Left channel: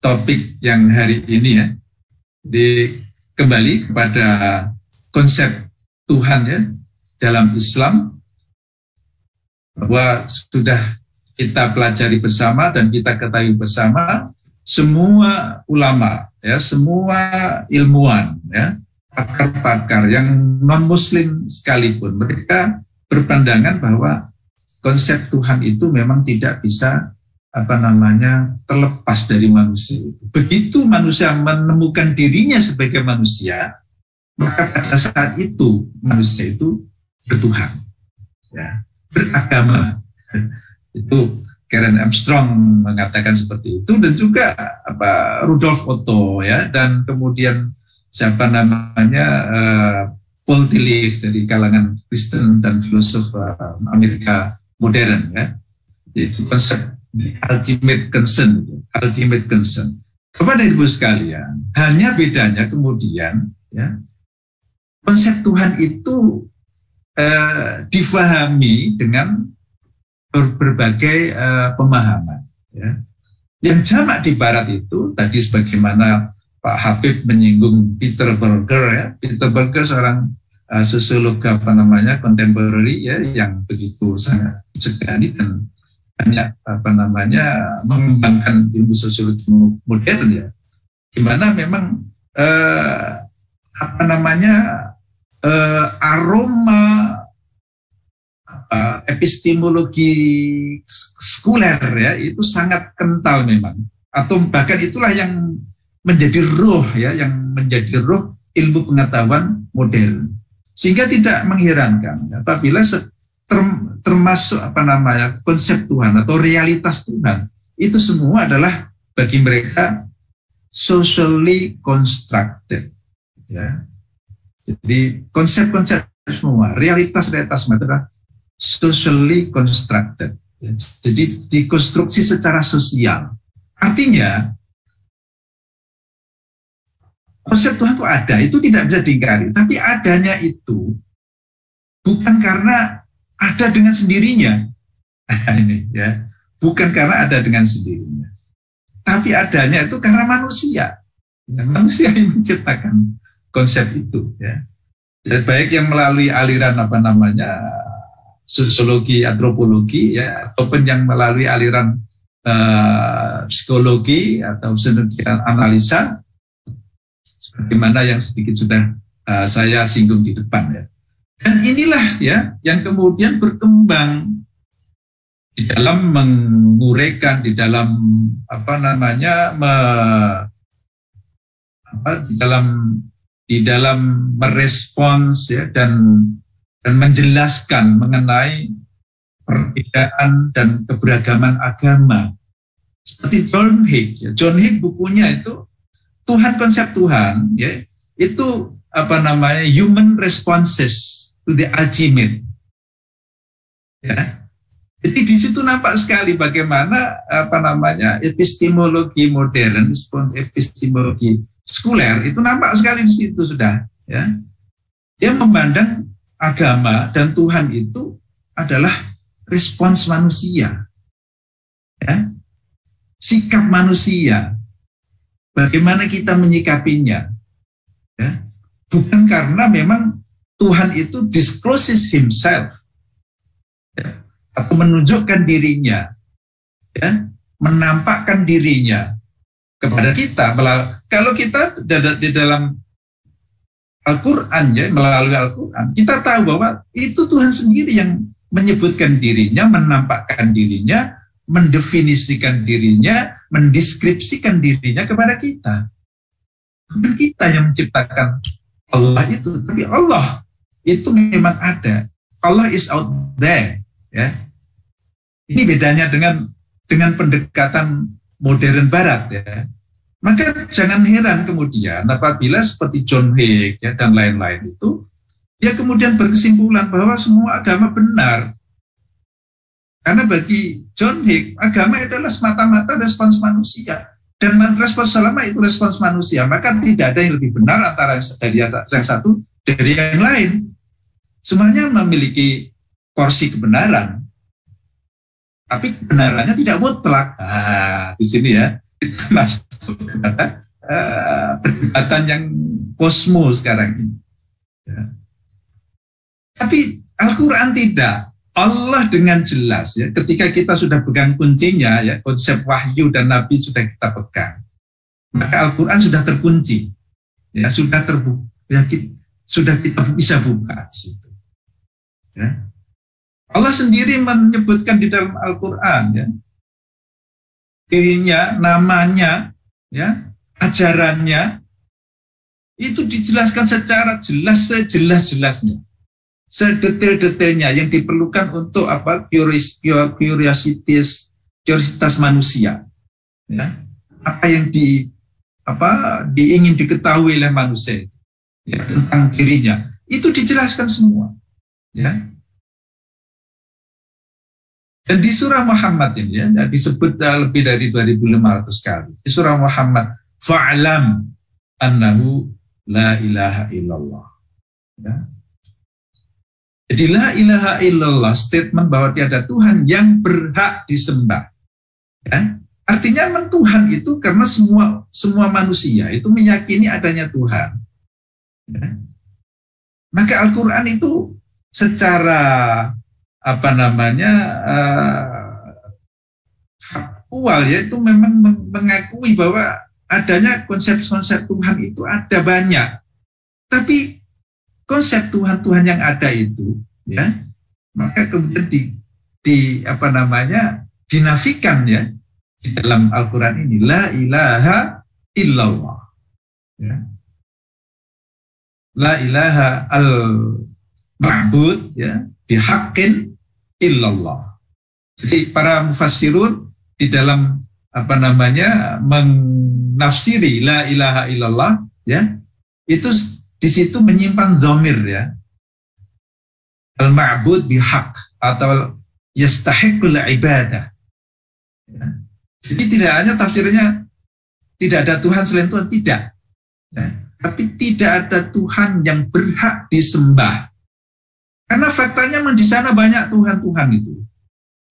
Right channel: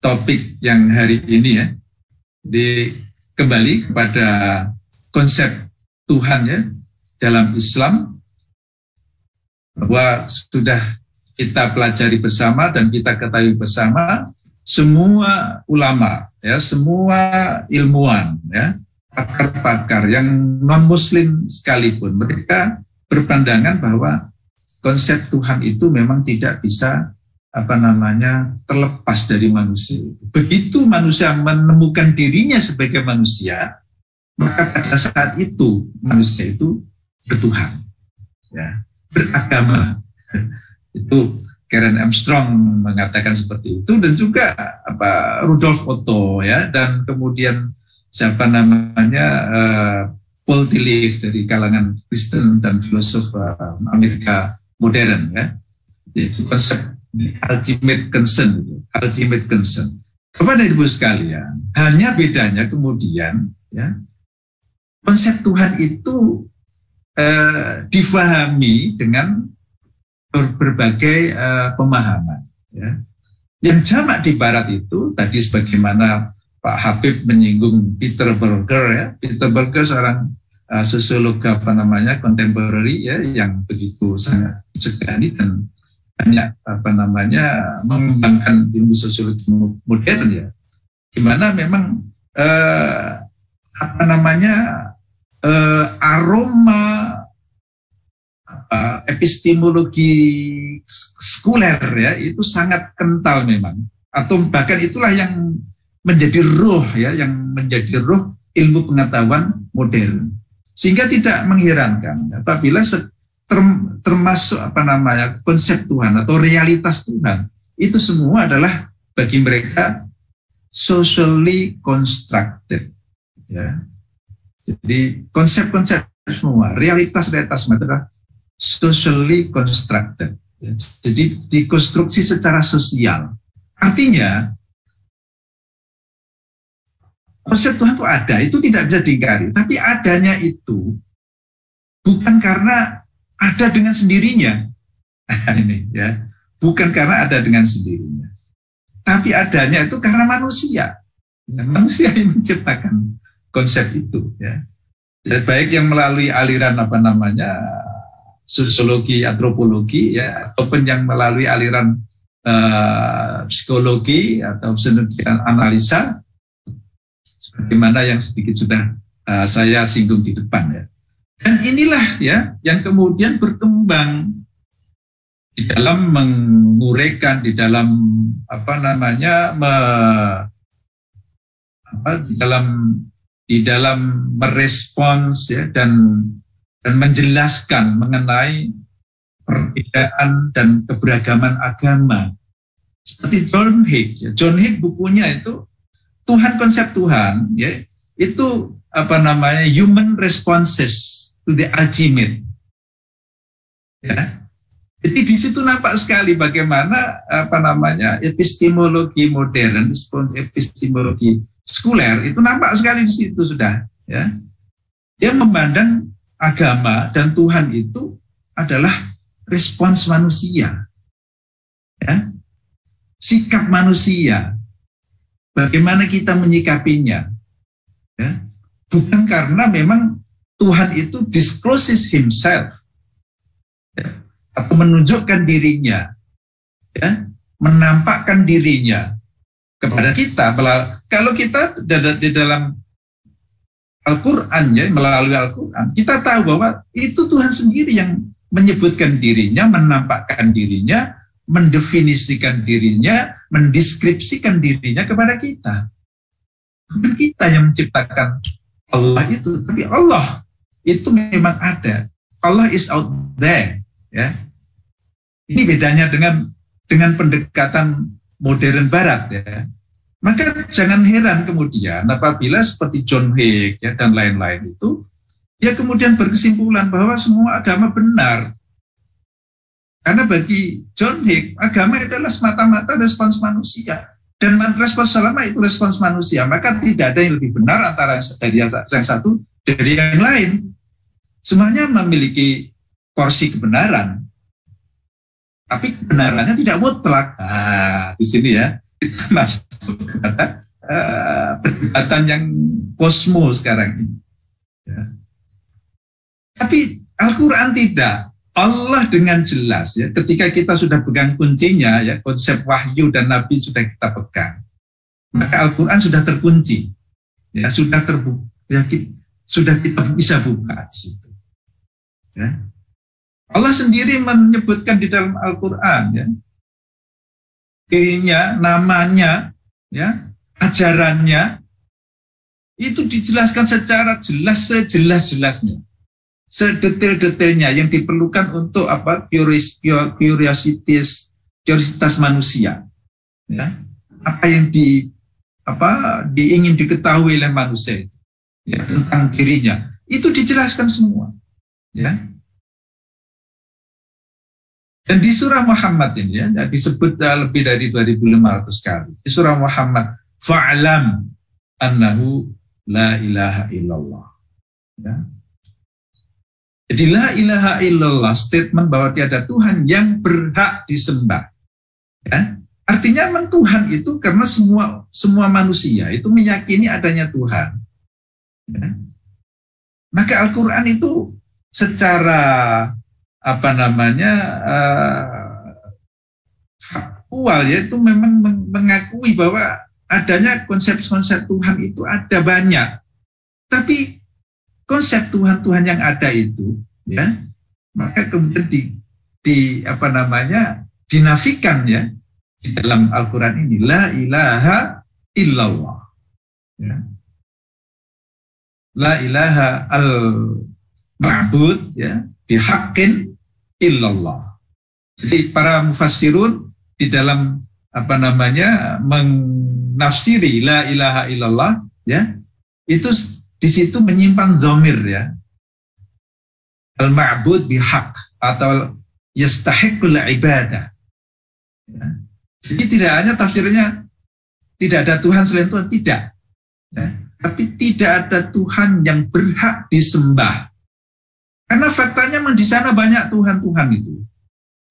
topik yang hari ini ya. Kembali kepada konsep Tuhan ya dalam Islam, bahwa sudah kita pelajari bersama dan kita ketahui bersama, semua ulama ya, semua ilmuwan ya, pakar-pakar yang non-muslim sekalipun, mereka berpandangan bahwa konsep Tuhan itu memang tidak bisa terlepas dari manusia. Begitu manusia menemukan dirinya sebagai manusia, maka pada saat itu manusia itu bertuhan, ya, beragama. Itu Karen Armstrong mengatakan seperti itu, dan juga Rudolf Otto ya, dan kemudian Paul Tillich dari kalangan Kristen dan filosof Amerika modern ya. Itu konsep ultimate concern. Kepada ibu sekalian, hanya bedanya kemudian ya, konsep Tuhan itu difahami dengan berbagai pemahaman ya. Yang jamak di barat itu tadi sebagaimana Pak Habib menyinggung Peter Berger ya. Peter Berger seorang sosiolog kontemporary ya, yang begitu sangat segani dan banyak mengembangkan ilmu sosiologi modern ya, gimana memang aroma epistemologi sekuler ya itu sangat kental memang, atau bahkan itulah yang menjadi roh ya, yang menjadi roh ilmu pengetahuan modern, sehingga tidak mengherankan apabila termasuk konsep Tuhan atau realitas Tuhan itu semua adalah bagi mereka socially constructed ya. Jadi konsep-konsep semua, realitas-realitas adalah socially constructed ya. Jadi dikonstruksi secara sosial. Artinya konsep Tuhan itu ada, itu tidak bisa diingkari, tapi adanya itu bukan karena ada dengan sendirinya, ini ya, bukan karena ada dengan sendirinya, tapi adanya itu karena manusia. Manusia yang menciptakan konsep itu, ya. Jadi baik yang melalui aliran sosiologi, antropologi, ya, ataupun yang melalui aliran psikologi atau psikologi analisa, sebagaimana yang sedikit sudah saya singgung di depan, ya. Dan inilah ya yang kemudian berkembang di dalam menguraikan, di dalam di dalam merespons ya, dan menjelaskan mengenai perbedaan dan keberagaman agama. Seperti John Hicks, ya. John Hicks bukunya itu Tuhan, konsep Tuhan ya, itu human responses to the ultimate. Ya. Jadi di situ nampak sekali bagaimana epistemologi modern, epistemologi sekuler itu nampak sekali di situ sudah. Ya. Dia memandang agama dan Tuhan itu adalah respons manusia, ya. Sikap manusia, bagaimana kita menyikapinya, ya. Bukan karena memang Tuhan itu discloses himself, ya, atau menunjukkan dirinya, ya, menampakkan dirinya kepada kita. Kalau kita di dalam Al-Quran, ya, melalui Al-Quran, kita tahu bahwa itu Tuhan sendiri yang menyebutkan dirinya, menampakkan dirinya, mendefinisikan dirinya, mendeskripsikan dirinya kepada kita. Bukan kita yang menciptakan Allah itu, tapi Allah itu memang ada. Allah is out there, ya. Ini bedanya dengan pendekatan modern Barat, ya. Maka jangan heran kemudian apabila seperti John Hicks ya, dan lain-lain itu, dia kemudian berkesimpulan bahwa semua agama benar. Karena bagi John Hicks, agama adalah semata-mata respons manusia. Dan respons selama itu respons manusia, maka tidak ada yang lebih benar antara yang satu dari yang lain. Semuanya memiliki porsi kebenaran, tapi kebenarannya tidak mutlak. Di sini ya, Kita masuk kepada perdebatan yang kosmo sekarang ini. Ya. Tapi Al-Quran tidak. Allah dengan jelas ya, ketika kita sudah pegang kuncinya ya, konsep wahyu dan nabi sudah kita pegang, maka Al-Quran sudah terkunci, ya sudah terbuka, ya, sudah kita bisa buka di situ. Ya. Allah sendiri menyebutkan di dalam Al-Quran ya, dirinya, namanya, ya, ajarannya itu dijelaskan secara jelas, sejelas-jelasnya. Sedetail-detailnya yang diperlukan untuk apa curiositas manusia, ya. Apa yang diingin diketahui oleh manusia itu, ya, tentang dirinya itu dijelaskan semua, ya. Dan di surah Muhammad ini ya, disebut lebih dari 2.500 kali di surah Muhammad, fa'lam annahu la ilaha illallah, ya. Jadi la ilaha illallah, statement bahwa tiada Tuhan yang berhak disembah. Ya? Artinya Tuhan itu karena semua manusia itu meyakini adanya Tuhan. Ya? Maka Al-Quran itu secara faktual ya, itu memang mengakui bahwa adanya konsep-konsep Tuhan itu ada banyak. Tapi konsep Tuhan-Tuhan yang ada itu, ya, maka kemudian dinafikan ya di dalam Al-Quran ini, la ilaha illallah, ya. La ilaha al-ma'bud ya bihaqqin illallah. Jadi para mufassirun di dalam menafsiri la ilaha illallah ya, itu di situ menyimpan dhamir ya. Al-ma'bud bihaq atau yastahiqul ibadah. Ya. Jadi tidak hanya tafsirnya tidak ada Tuhan selain Tuhan, tidak. Ya. Tapi tidak ada Tuhan yang berhak disembah. Karena faktanya di sana banyak Tuhan-Tuhan itu.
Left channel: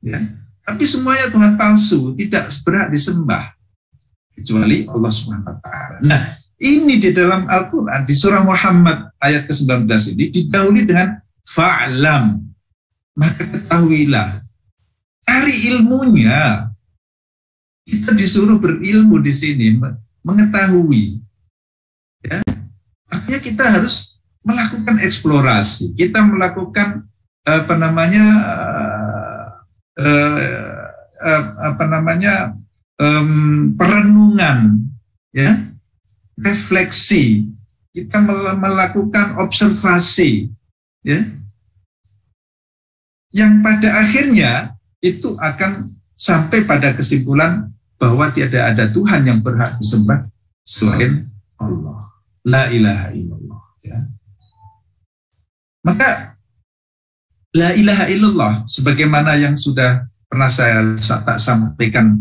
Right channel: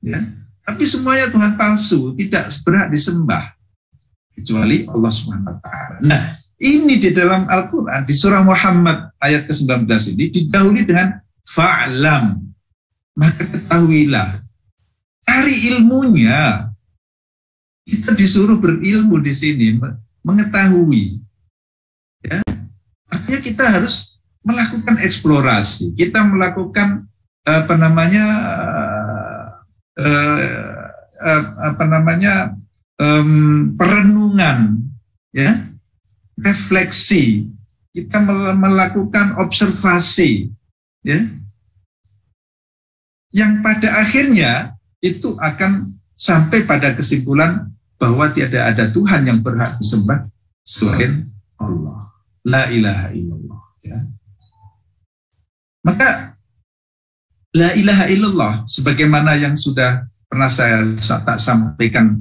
Ya. Tapi semuanya Tuhan palsu, tidak berhak disembah. Kecuali Allah Subhanahu wa taala. Nah, ini di dalam Al-Quran, di surah Muhammad ayat ke-19 ini didahului dengan fa'lam. Maka ketahuilah. Cari ilmunya. Kita disuruh berilmu di sini, mengetahui. Ya. Artinya kita harus melakukan eksplorasi. Kita melakukan perenungan, ya. Refleksi, kita melakukan observasi, ya, yang pada akhirnya itu akan sampai pada kesimpulan bahwa tiada ada Tuhan yang berhak disembah selain Allah, la ilaha illallah, ya. Maka la ilaha illallah sebagaimana yang sudah pernah saya sampaikan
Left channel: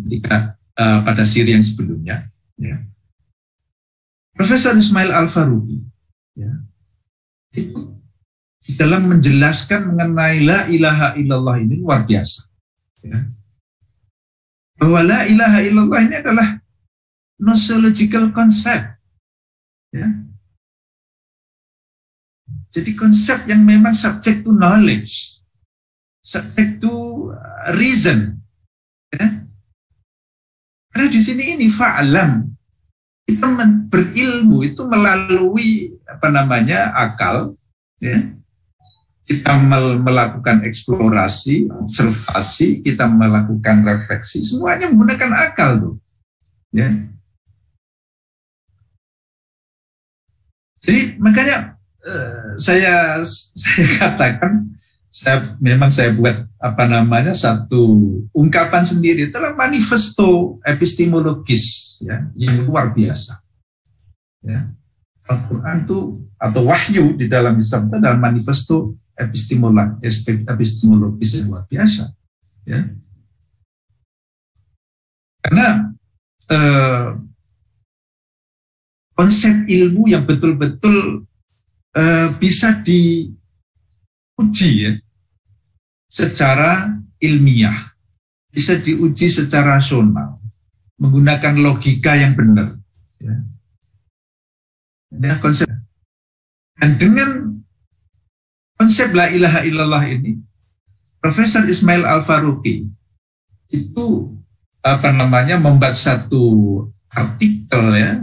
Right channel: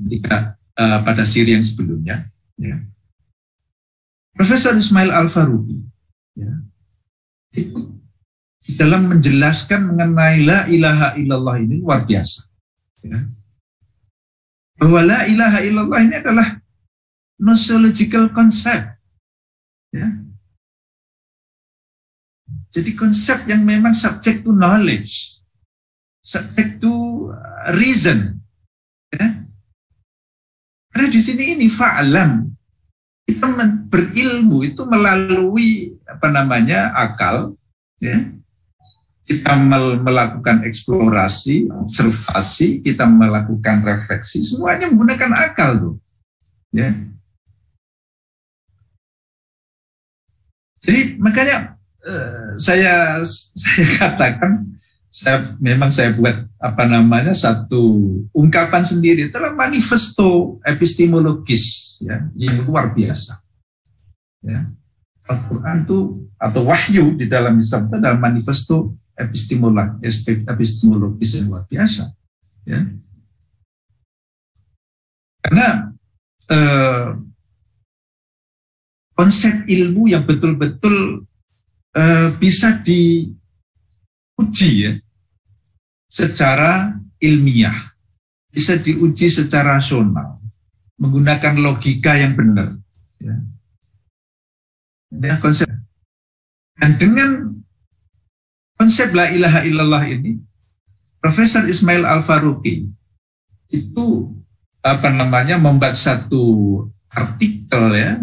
pada siri yang sebelumnya, ya. Profesor Ismail Al-Faruqi ya, itu dalam menjelaskan mengenai la ilaha illallah ini luar biasa, ya. Bahwa la ilaha illallah ini adalah nosological concept, ya. Jadi konsep yang memang subject to knowledge, subject to reason, ya. Karena di sini ini fa'lam, kita berilmu itu melalui akal, ya. Kita melakukan eksplorasi, observasi, kita melakukan refleksi, semuanya menggunakan akal tuh, ya. Jadi makanya saya katakan, saya buat satu ungkapan sendiri dalam manifesto epistemologis, ya, yang luar biasa, ya. Al-Quran itu atau wahyu di dalam Islam itu adalah manifesto epistemologis yang luar biasa, ya. Karena konsep ilmu yang betul-betul bisa diuji, ya, secara ilmiah, bisa diuji secara rasional, menggunakan logika yang benar. Ya. Konsep. Dan dengan konsep la ilaha illallah ini, Profesor Ismail Al-Faruqi itu membuat satu artikel ya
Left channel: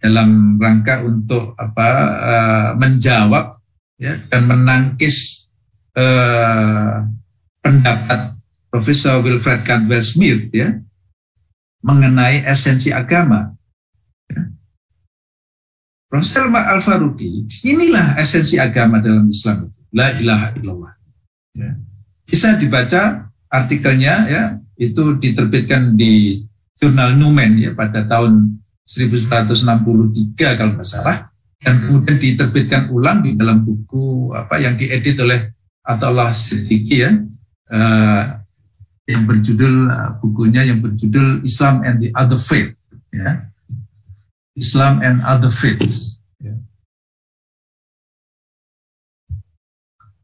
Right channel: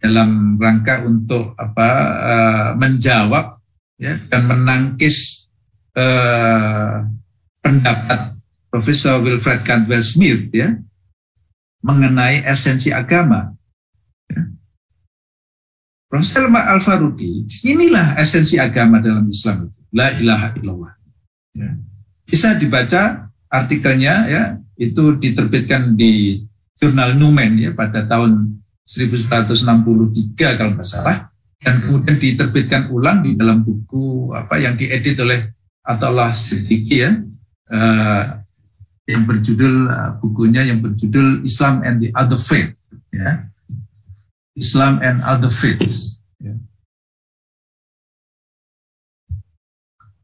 dalam rangka untuk menjawab ya dan menangkis pendapat Profesor Wilfred Caldwell Smith ya mengenai esensi agama. Ya. Profesor Al-Faruqi, inilah esensi agama dalam Islam itu, la ilaha illallah. Ya. Bisa dibaca artikelnya ya, itu diterbitkan di jurnal Numen ya pada tahun 1963 kalau nggak salah, dan kemudian diterbitkan ulang di dalam buku yang diedit oleh Athaullah Siddiqui ya, yang berjudul bukunya yang berjudul Islam and the Other Faith ya. Islam and Other Faiths ya.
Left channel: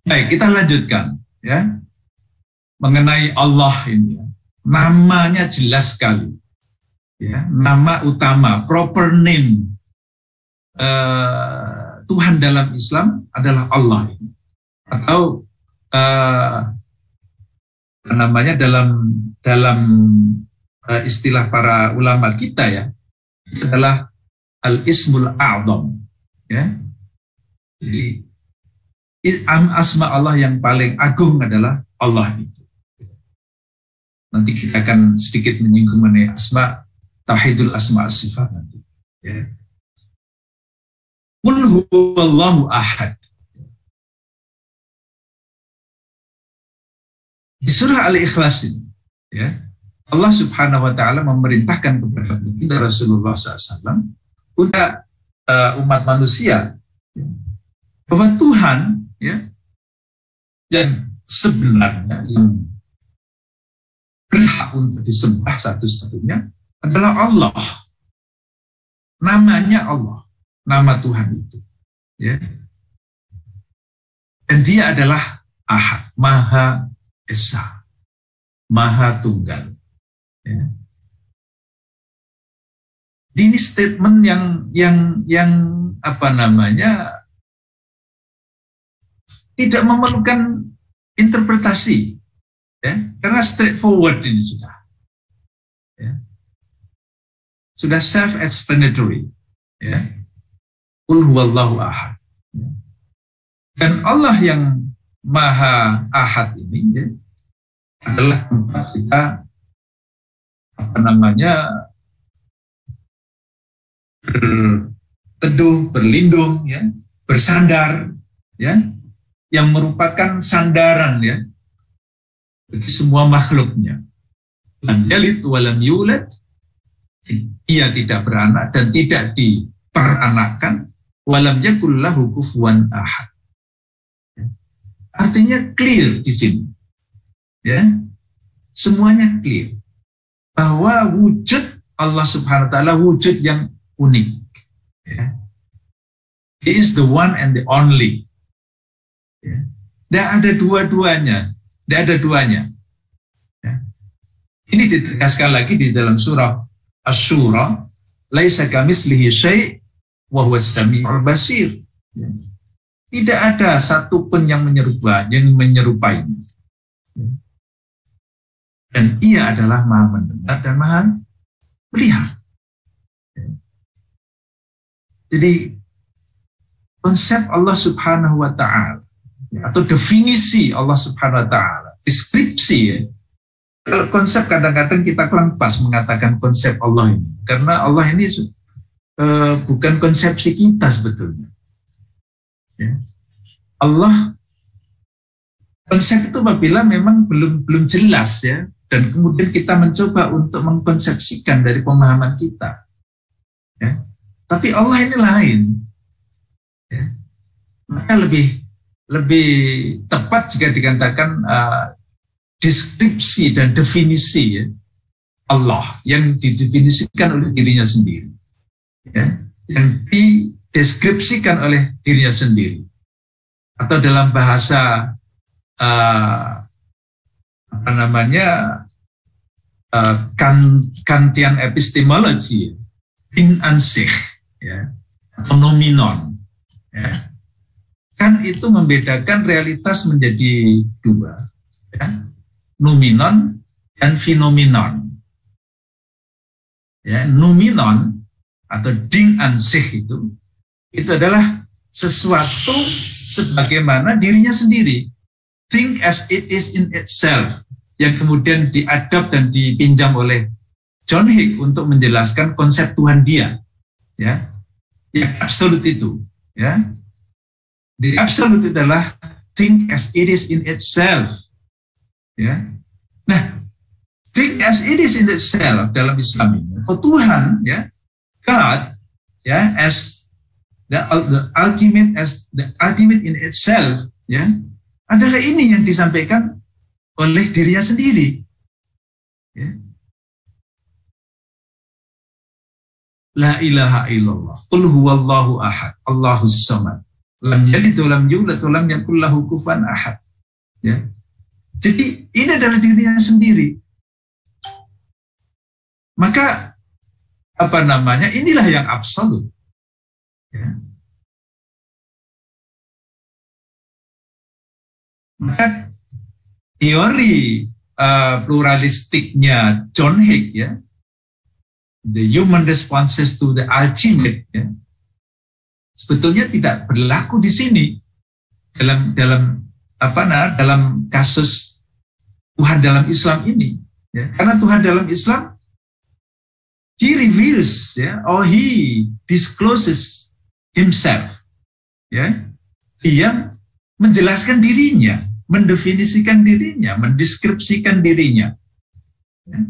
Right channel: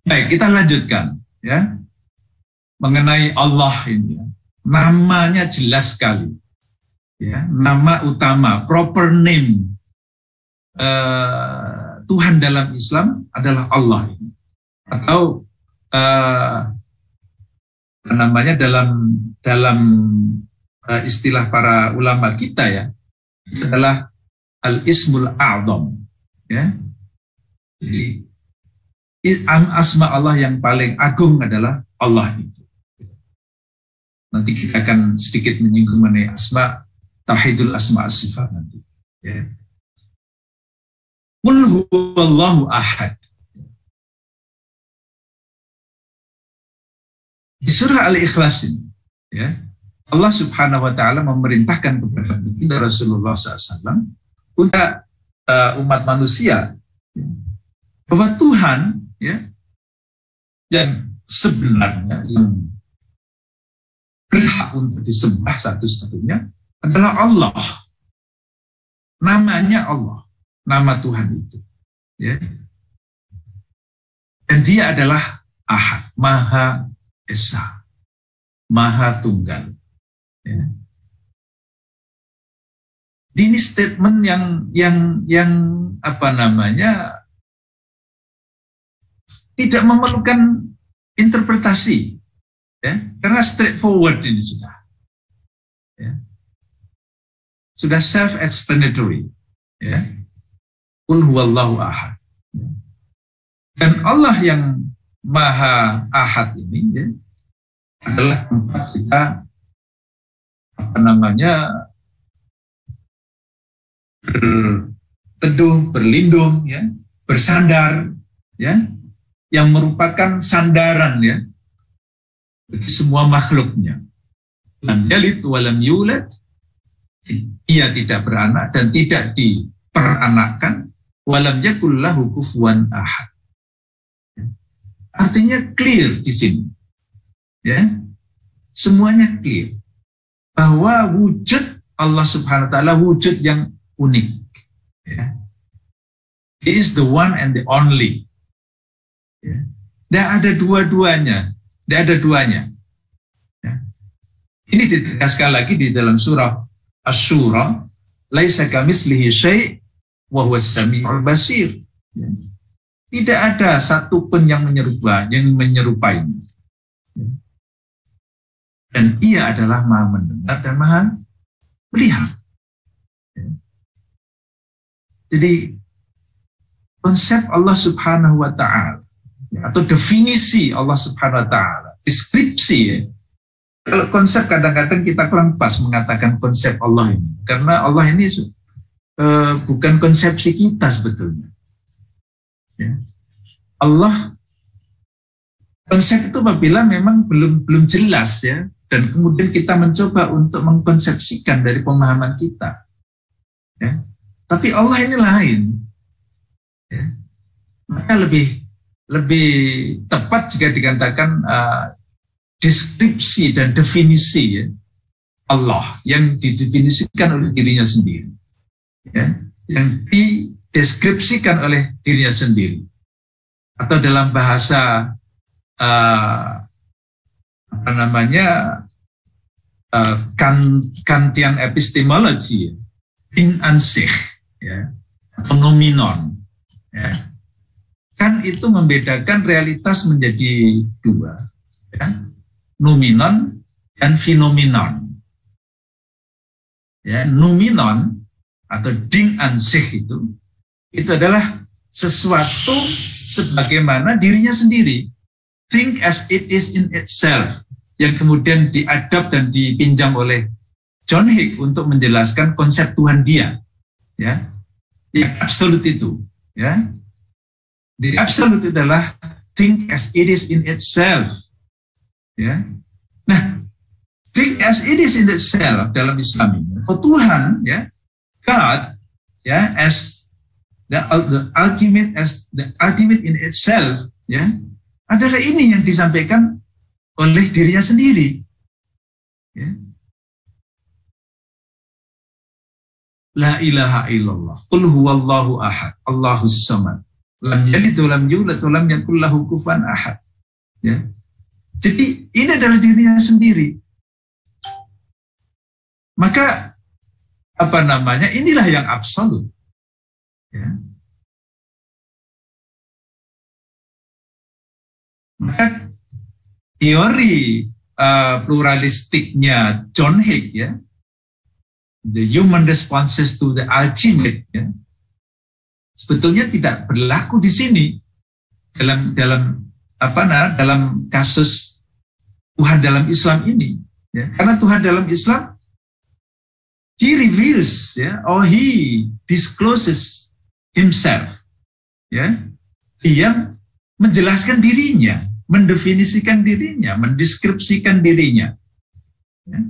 Baik, kita lanjutkan ya mengenai Allah ini ya. Namanya jelas sekali ya, nama utama, proper name Tuhan dalam Islam adalah Allah ini. Atau dalam istilah para ulama kita ya, itu adalah al-ismul a'zam ya. Jadi asma Allah yang paling agung adalah Allah itu. Nanti kita akan sedikit menyinggung mengenai asma, tauhidul asma as-sifat nanti ya. Qul huwallahu ahad. Di surah Al-Ikhlas ini ya, Allah Subhanahu wa taala memerintahkan kepada kita Rasulullah SAW untuk umat manusia ya, bahwa Tuhan ya yang sebenarnya yang berhak untuk disembah satu-satunya adalah Allah. Namanya Allah, nama Tuhan itu ya. Dan dia adalah Ahad, Maha Esa, Maha Tunggal ya. Ini statement yang tidak memerlukan interpretasi ya, karena straightforward ini sudah self-explanatory ya. Qul huwallahu ahad ya. Dan Allah yang Maha Ahad ini ya, adalah tempat kita berteduh, berlindung ya, bersandar ya, yang merupakan sandaran ya bagi semua makhluknya. Lam yalid walam yulad, ia tidak beranak dan tidak diperanakkan, walam yakul lahu kufuwan ahad. Artinya clear di sini, ya, semuanya clear bahwa wujud Allah Subhanahu wa taala wujud yang unik. Ya. He is the one and the only. Ya. Tidak ada dua-duanya, tidak ada duanya. Ya. Ini ditegaskan lagi di dalam surah Asy-Syura, laisa kamitslihi syai' wa huwas samiul basir. Ya. Tidak ada satupun yang menyerupainya. Dan ia adalah Maha mendengar dan Maha melihat. Jadi konsep Allah Subhanahu wa taala atau definisi Allah Subhanahu wa taala, deskripsi ya. Kalau konsep kadang-kadang kita kurang pas mengatakan konsep Allah ini, karena Allah ini bukan konsepsi kita sebetulnya. Ya. Allah konsep itu apabila memang belum jelas ya, dan kemudian kita mencoba untuk mengkonsepsikan dari pemahaman kita ya. Tapi Allah ini lain ya. Maka lebih tepat jika dikatakan deskripsi dan definisi ya, Allah yang didefinisikan oleh dirinya sendiri ya, yang dideskripsikan oleh dirinya sendiri. Atau dalam bahasa Kantian epistemologi, Ding an sich, ya, phenomenon, ya, kan itu membedakan realitas menjadi dua, ya, noumenon dan phenomenon. Ya, noumenon atau Ding an sich itu adalah sesuatu sebagaimana dirinya sendiri, think as it is in itself, yang kemudian diadap dan dipinjam oleh John Hick untuk menjelaskan konsep Tuhan dia, ya, yang absolut itu, ya. The absolute adalah think as it is in itself, ya. Nah, think as it is in itself dalam Islam ini, Tuhan, ya, God, ya, as the ultimate in itself, ya, adalah ini yang disampaikan oleh dirinya sendiri. Ya. La ilaha illallah, qul huwallahu ahad, Allahus samad, lam yalid wa lam yulad wa lam yakul lahu kufuwan ahad. Ya. Jadi ini adalah dirinya sendiri. Maka inilah yang absolut. Ya. Maka teori pluralistiknya John Hick, ya, the human responses to the ultimate, ya, sebetulnya tidak berlaku di sini dalam kasus Tuhan dalam Islam ini, ya. Karena Tuhan dalam Islam, he reveals, ya, or he discloses himself, ya, dia menjelaskan dirinya, mendefinisikan dirinya, mendeskripsikan dirinya. Ya.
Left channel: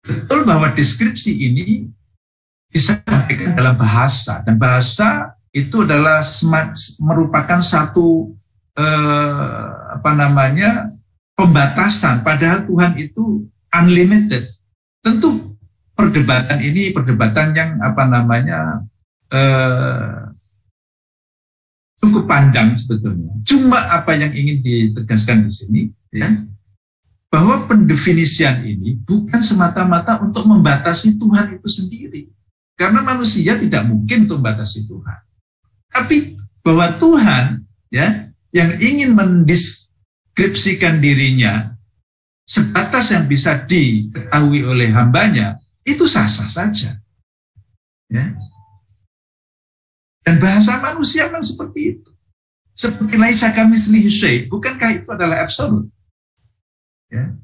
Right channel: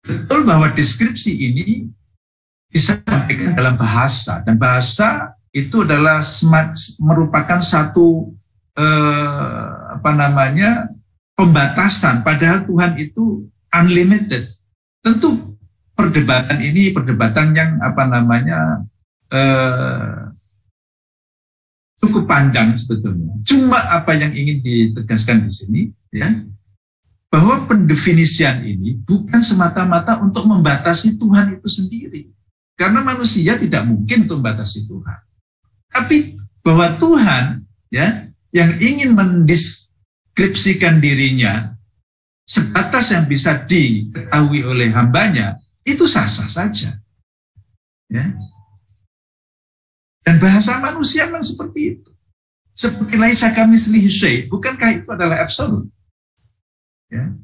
Betul bahwa deskripsi ini disampaikan dalam bahasa, dan bahasa itu adalah merupakan satu pembatasan, padahal Tuhan itu unlimited. Tentu perdebatan ini perdebatan yang cukup panjang sebetulnya. Cuma apa yang ingin ditegaskan di sini, ya, bahwa pendefinisian ini bukan semata-mata untuk membatasi Tuhan itu sendiri, karena manusia tidak mungkin untuk membatasi Tuhan. Tapi bahwa Tuhan, ya, yang ingin mendeskripsikan dirinya sebatas yang bisa diketahui oleh hambanya, itu sah-sah saja. Ya. Dan bahasa manusia memang seperti itu. Seperti laisa kamitslihi syai', bukankah itu adalah absolut? Ya.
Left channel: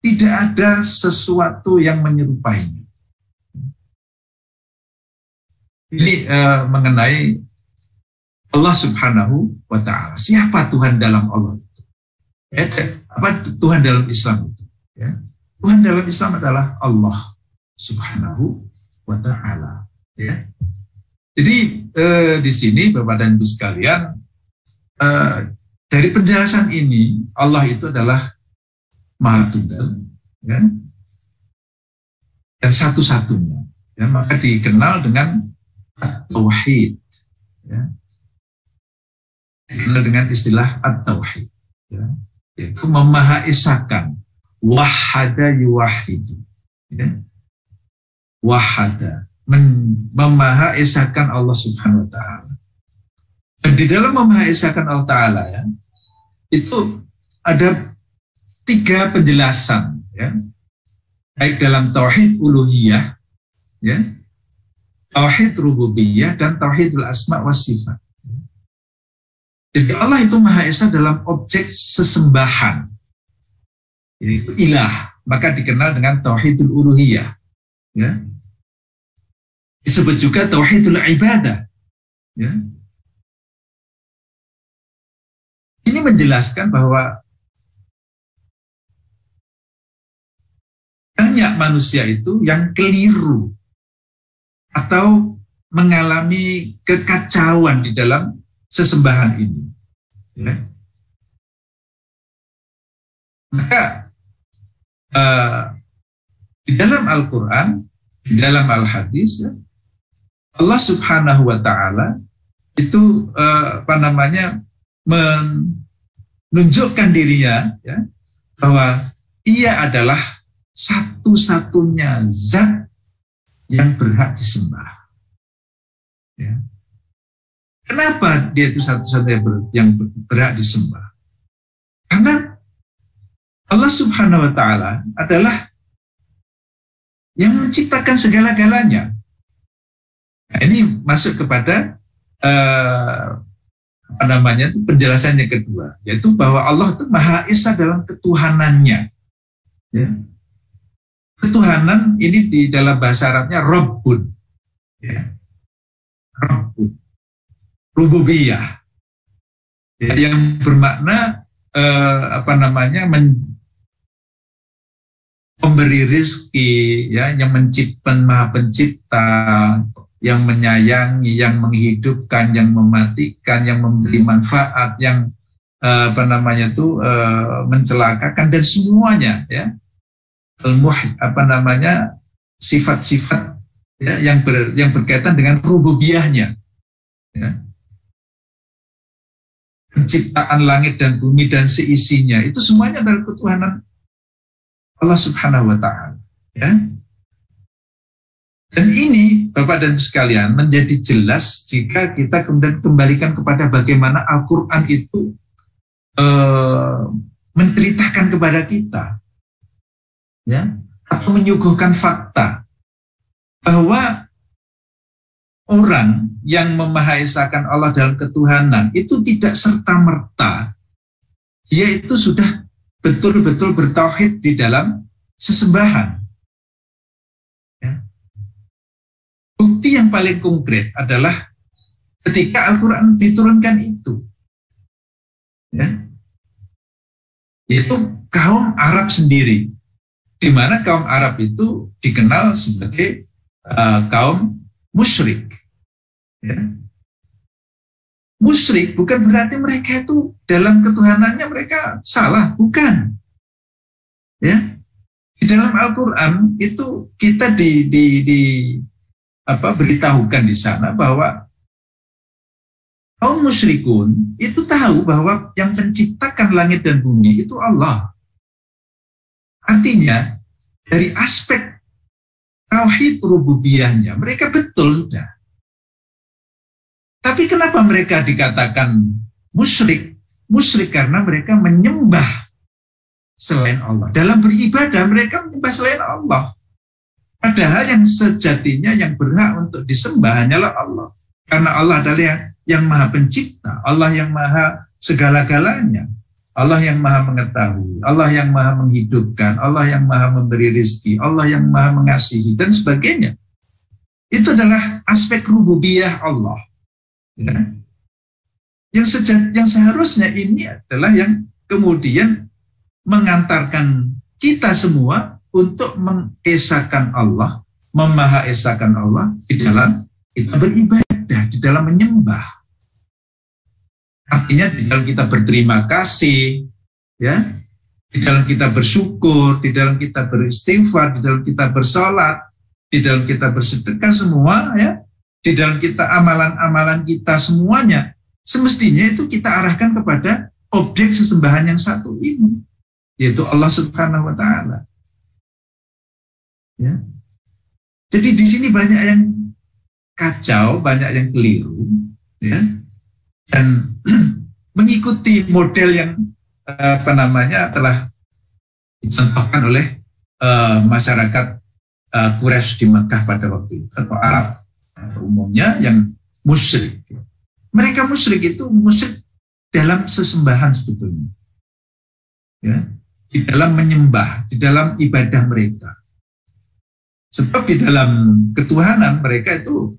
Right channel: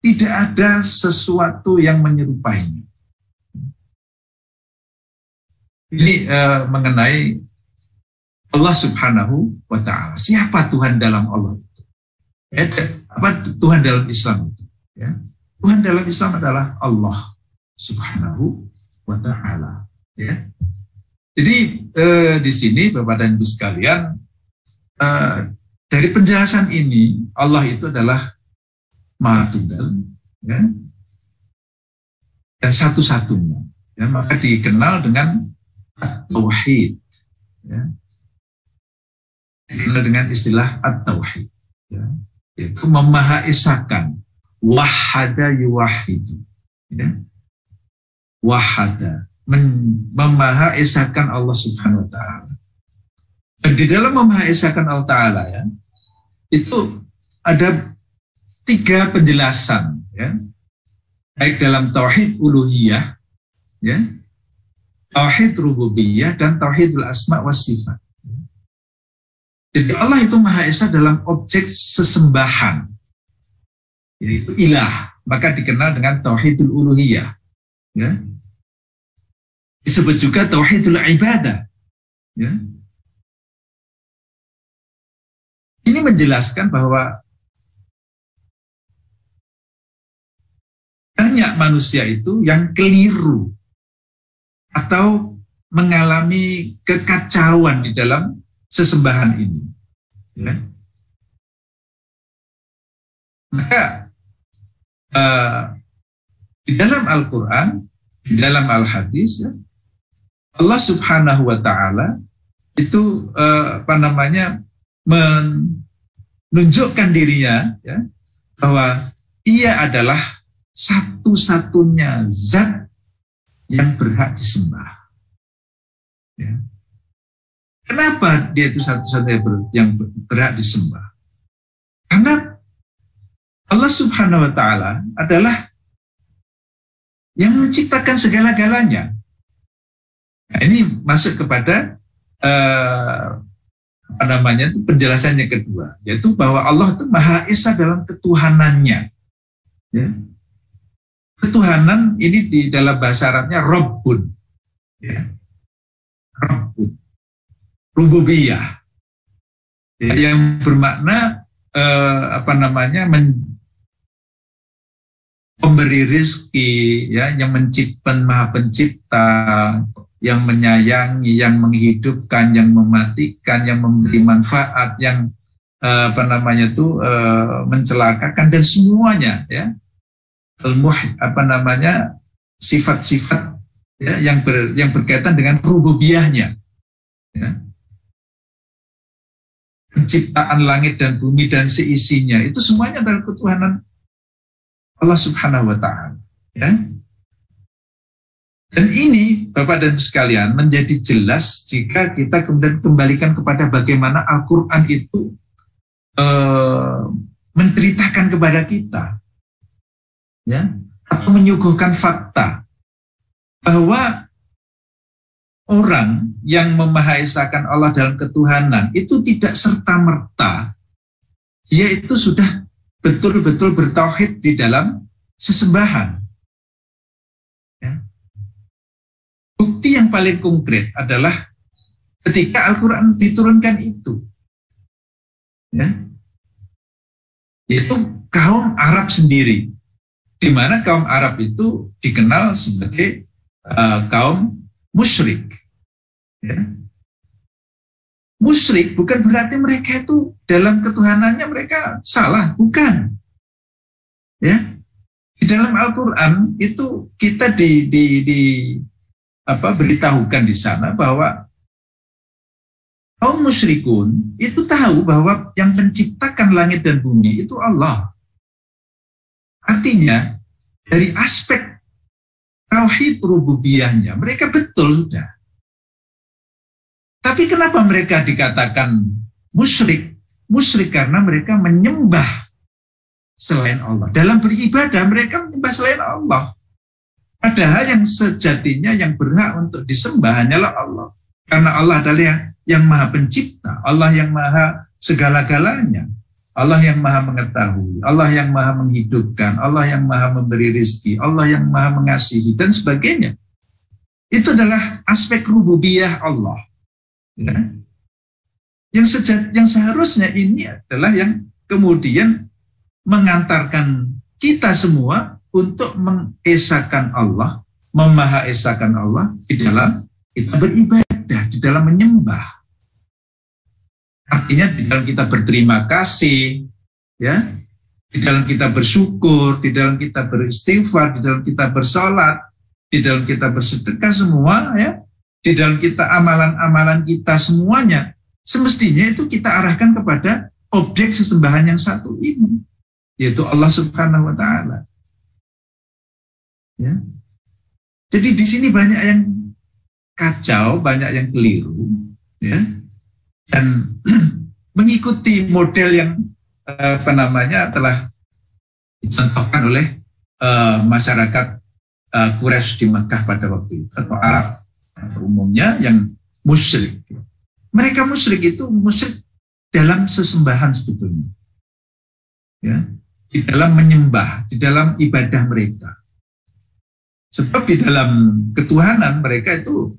Tidak ada sesuatu yang menyerupainya. Ini mengenai Allah Subhanahu wa Ta'ala. Siapa Tuhan dalam Allah itu? Ya, Tuhan dalam Islam itu? Ya. Tuhan dalam Islam adalah Allah Subhanahu wa Ta'ala. Ya. Jadi di sini Bapak dan Ibu sekalian, dari penjelasan ini Allah itu adalah Maha Tunggal, ya, dan satu-satunya, ya, maka dikenal dengan Tauhid, ya, dikenal dengan istilah At-Tauhid, ya, yaitu memahaisakan, wahada yuwahidu, ya, wahada, memahaisakan Allah Subhanahu wa Ta'ala. Dan di dalam memahaisakan Allah Ta'ala, ya, itu ada 3 penjelasan, ya, baik dalam tauhid uluhiyah, ya, tauhid rububiyah, dan tauhidul asma wa sifat. Jadi Allah itu Maha Esa dalam objek sesembahan, yaitu ilah, maka dikenal dengan tauhidul uluhiyah, ya. Disebut juga tauhidul ibadah, ya. Ini menjelaskan bahwa banyak manusia itu yang keliru atau mengalami kekacauan di dalam sesembahan ini, ya. Maka di dalam Al-Quran, di dalam Al-Hadis, ya, Allah Subhanahu wa Ta'ala itu menunjukkan dirinya, ya, bahwa ia adalah satu-satunya zat yang berhak disembah. Ya. Kenapa dia itu satu-satunya yang berhak disembah? Karena Allah Subhanahu wa Ta'ala adalah yang menciptakan segala-galanya. Nah, ini masuk kepada penjelasannya kedua, yaitu bahwa Allah itu Maha Esa dalam ketuhanannya. Ya. Ketuhanan ini di dalam bahasa Arabnya Rabbun, ya. Rabbun, rububiyah, ya, yang bermakna memberi rizki, ya, yang Maha Pencipta, yang menyayangi, yang menghidupkan, yang mematikan, yang memberi manfaat, yang mencelakakan, dan semuanya, ya, sifat-sifat, ya, yang berkaitan dengan rububiyahnya, ya. Penciptaan langit dan bumi dan seisinya, itu semuanya adalah ketuhanan Allah Subhanahu wa Ta'ala, ya. Dan ini, Bapak dan Ibu sekalian, menjadi jelas jika kita kemudian kembalikan kepada bagaimana Al-Quran itu menceritakan kepada kita, ya, atau menyuguhkan fakta bahwa orang yang memahaesakan Allah dalam ketuhanan itu tidak serta-merta dia itu sudah betul-betul bertauhid di dalam sesembahan. Ya. Bukti yang paling konkret adalah ketika Al-Quran diturunkan itu, ya, itu kaum Arab sendiri, di mana kaum Arab itu dikenal sebagai kaum musyrik. Ya. Musyrik bukan berarti mereka itu dalam ketuhanannya mereka salah, bukan. Ya, di dalam Al-Quran itu kita beritahukan di sana bahwa kaum musyrikun itu tahu bahwa yang menciptakan langit dan bumi itu Allah. Artinya dari aspek tauhid rububiyahnya mereka betul sudah. Tapi kenapa mereka dikatakan musyrik? Musyrik karena mereka menyembah selain Allah. Dalam beribadah mereka menyembah selain Allah. Padahal yang sejatinya yang berhak untuk disembah hanyalah Allah. Karena Allah adalah yang Maha Pencipta, Allah yang Maha segala-galanya, Allah yang Maha mengetahui, Allah yang Maha menghidupkan, Allah yang Maha memberi rezeki, Allah yang Maha mengasihi, dan sebagainya. Itu adalah aspek rububiyah Allah. Ya. Yang seharusnya ini adalah yang kemudian mengantarkan kita semua untuk mengesakan Allah, memahaesakan Allah di dalam kita beribadah, di dalam menyembah. Artinya di dalam kita berterima kasih, ya, di dalam kita bersyukur, di dalam kita beristighfar, di dalam kita bersalat, di dalam kita bersedekah semua, ya, di dalam kita amalan-amalan kita semuanya, semestinya itu kita arahkan kepada objek sesembahan yang satu ini, yaitu Allah Subhanahu wa Ta'ala. Ya. Jadi di sini banyak yang kacau, banyak yang keliru, ya, dan mengikuti model yang telah dicontohkan oleh masyarakat Quraisy di Mekah pada waktu itu, atau Arab umumnya yang musyrik. Mereka musyrik itu musyrik dalam sesembahan sebetulnya, ya, di dalam menyembah, di dalam ibadah mereka. Sebab di dalam ketuhanan mereka itu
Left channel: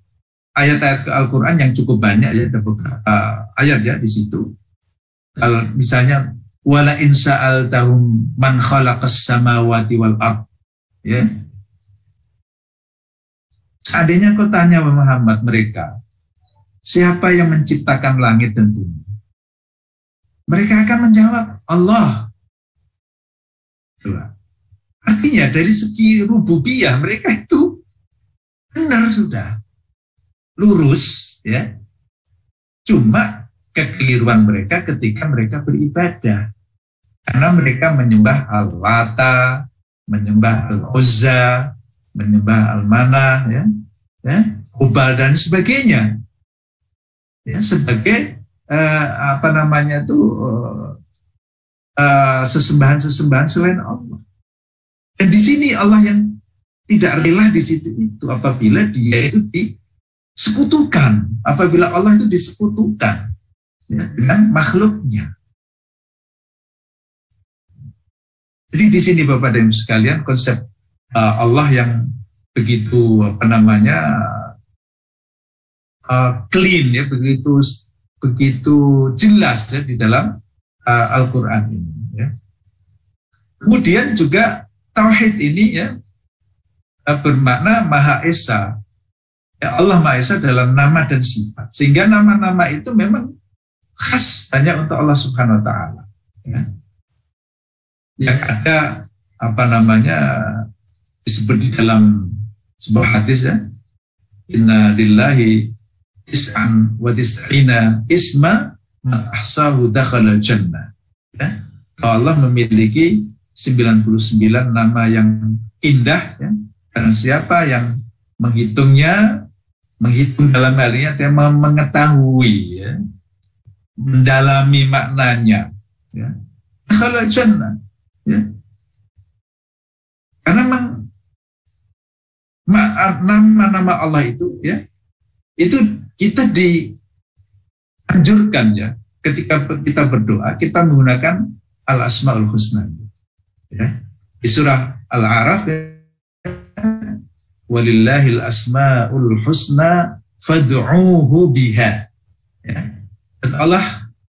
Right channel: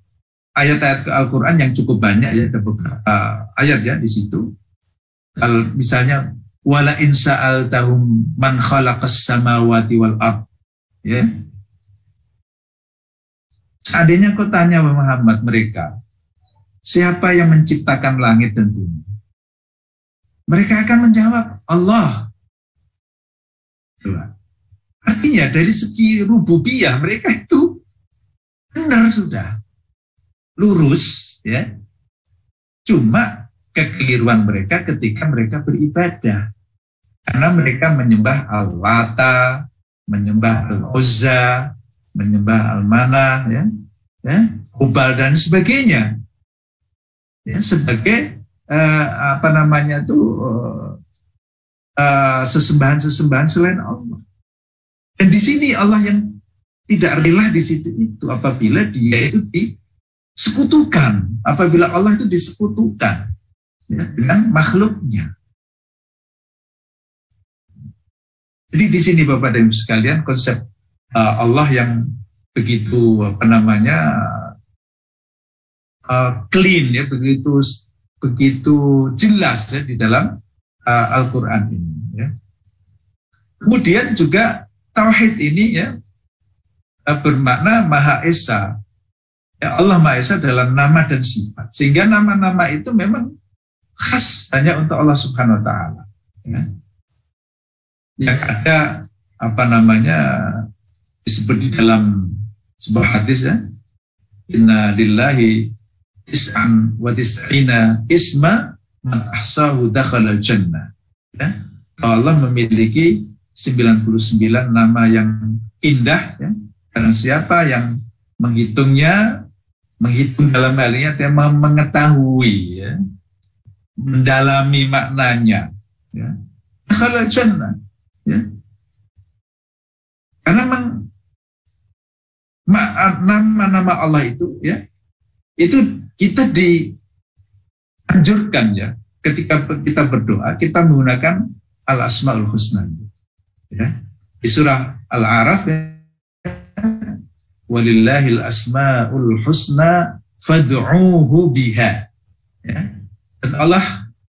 ayat-ayat Al-Quran yang cukup banyak, ya, ada beberapa ayat, ya, di situ. Kalau misalnya wala in sa'altahum man khalaqas samawati wal ard, ya. Seandainya kau tanya Muhammad mereka, siapa yang menciptakan langit dan bumi? Mereka akan menjawab, Allah. Artinya dari segi rububiyah mereka itu benar sudah, lurus, ya. Cuma kekeliruan mereka ketika mereka beribadah. Karena mereka menyembah Al-Lata, menyembah Al-Uzza, menyembah Al-Manah, Hubal dan sebagainya. Ya, sebagai sesembahan-sesembahan selain Allah. Dan di sini Allah yang tidak rela di situ itu apabila dia itu disekutukan, apabila Allah itu disekutukan dengan makhluknya. Jadi di sini Bapak dan Ibu sekalian konsep Allah yang begitu clean ya, begitu jelas ya di dalam Al-Quran ini. Ya. Kemudian juga tauhid ini ya bermakna Maha Esa. Ya, Allah Maha Esa dalam nama dan sifat. Sehingga nama-nama itu memang khas hanya untuk Allah Subhanahu Wa Taala. Ya. Yang ada disebut di dalam sebuah hadis ya, inna lillahi tis'an wa tis'ina isma man ahsahu dakhala jannah. Ya. Allah memiliki 99 nama yang indah ya. Karena siapa yang menghitungnya, menghitung dalam hal ini artinya mengetahui ya, mendalami maknanya ya. Dakhala jannah. Ya. Karena nama-nama Allah itu ya, itu kita dianjurkan ya, ketika kita berdoa kita menggunakan al-asmaul husna ya. Di surah Al-A'raf ya, walillahil asmaul husna fad'uuhu biha ya. Dan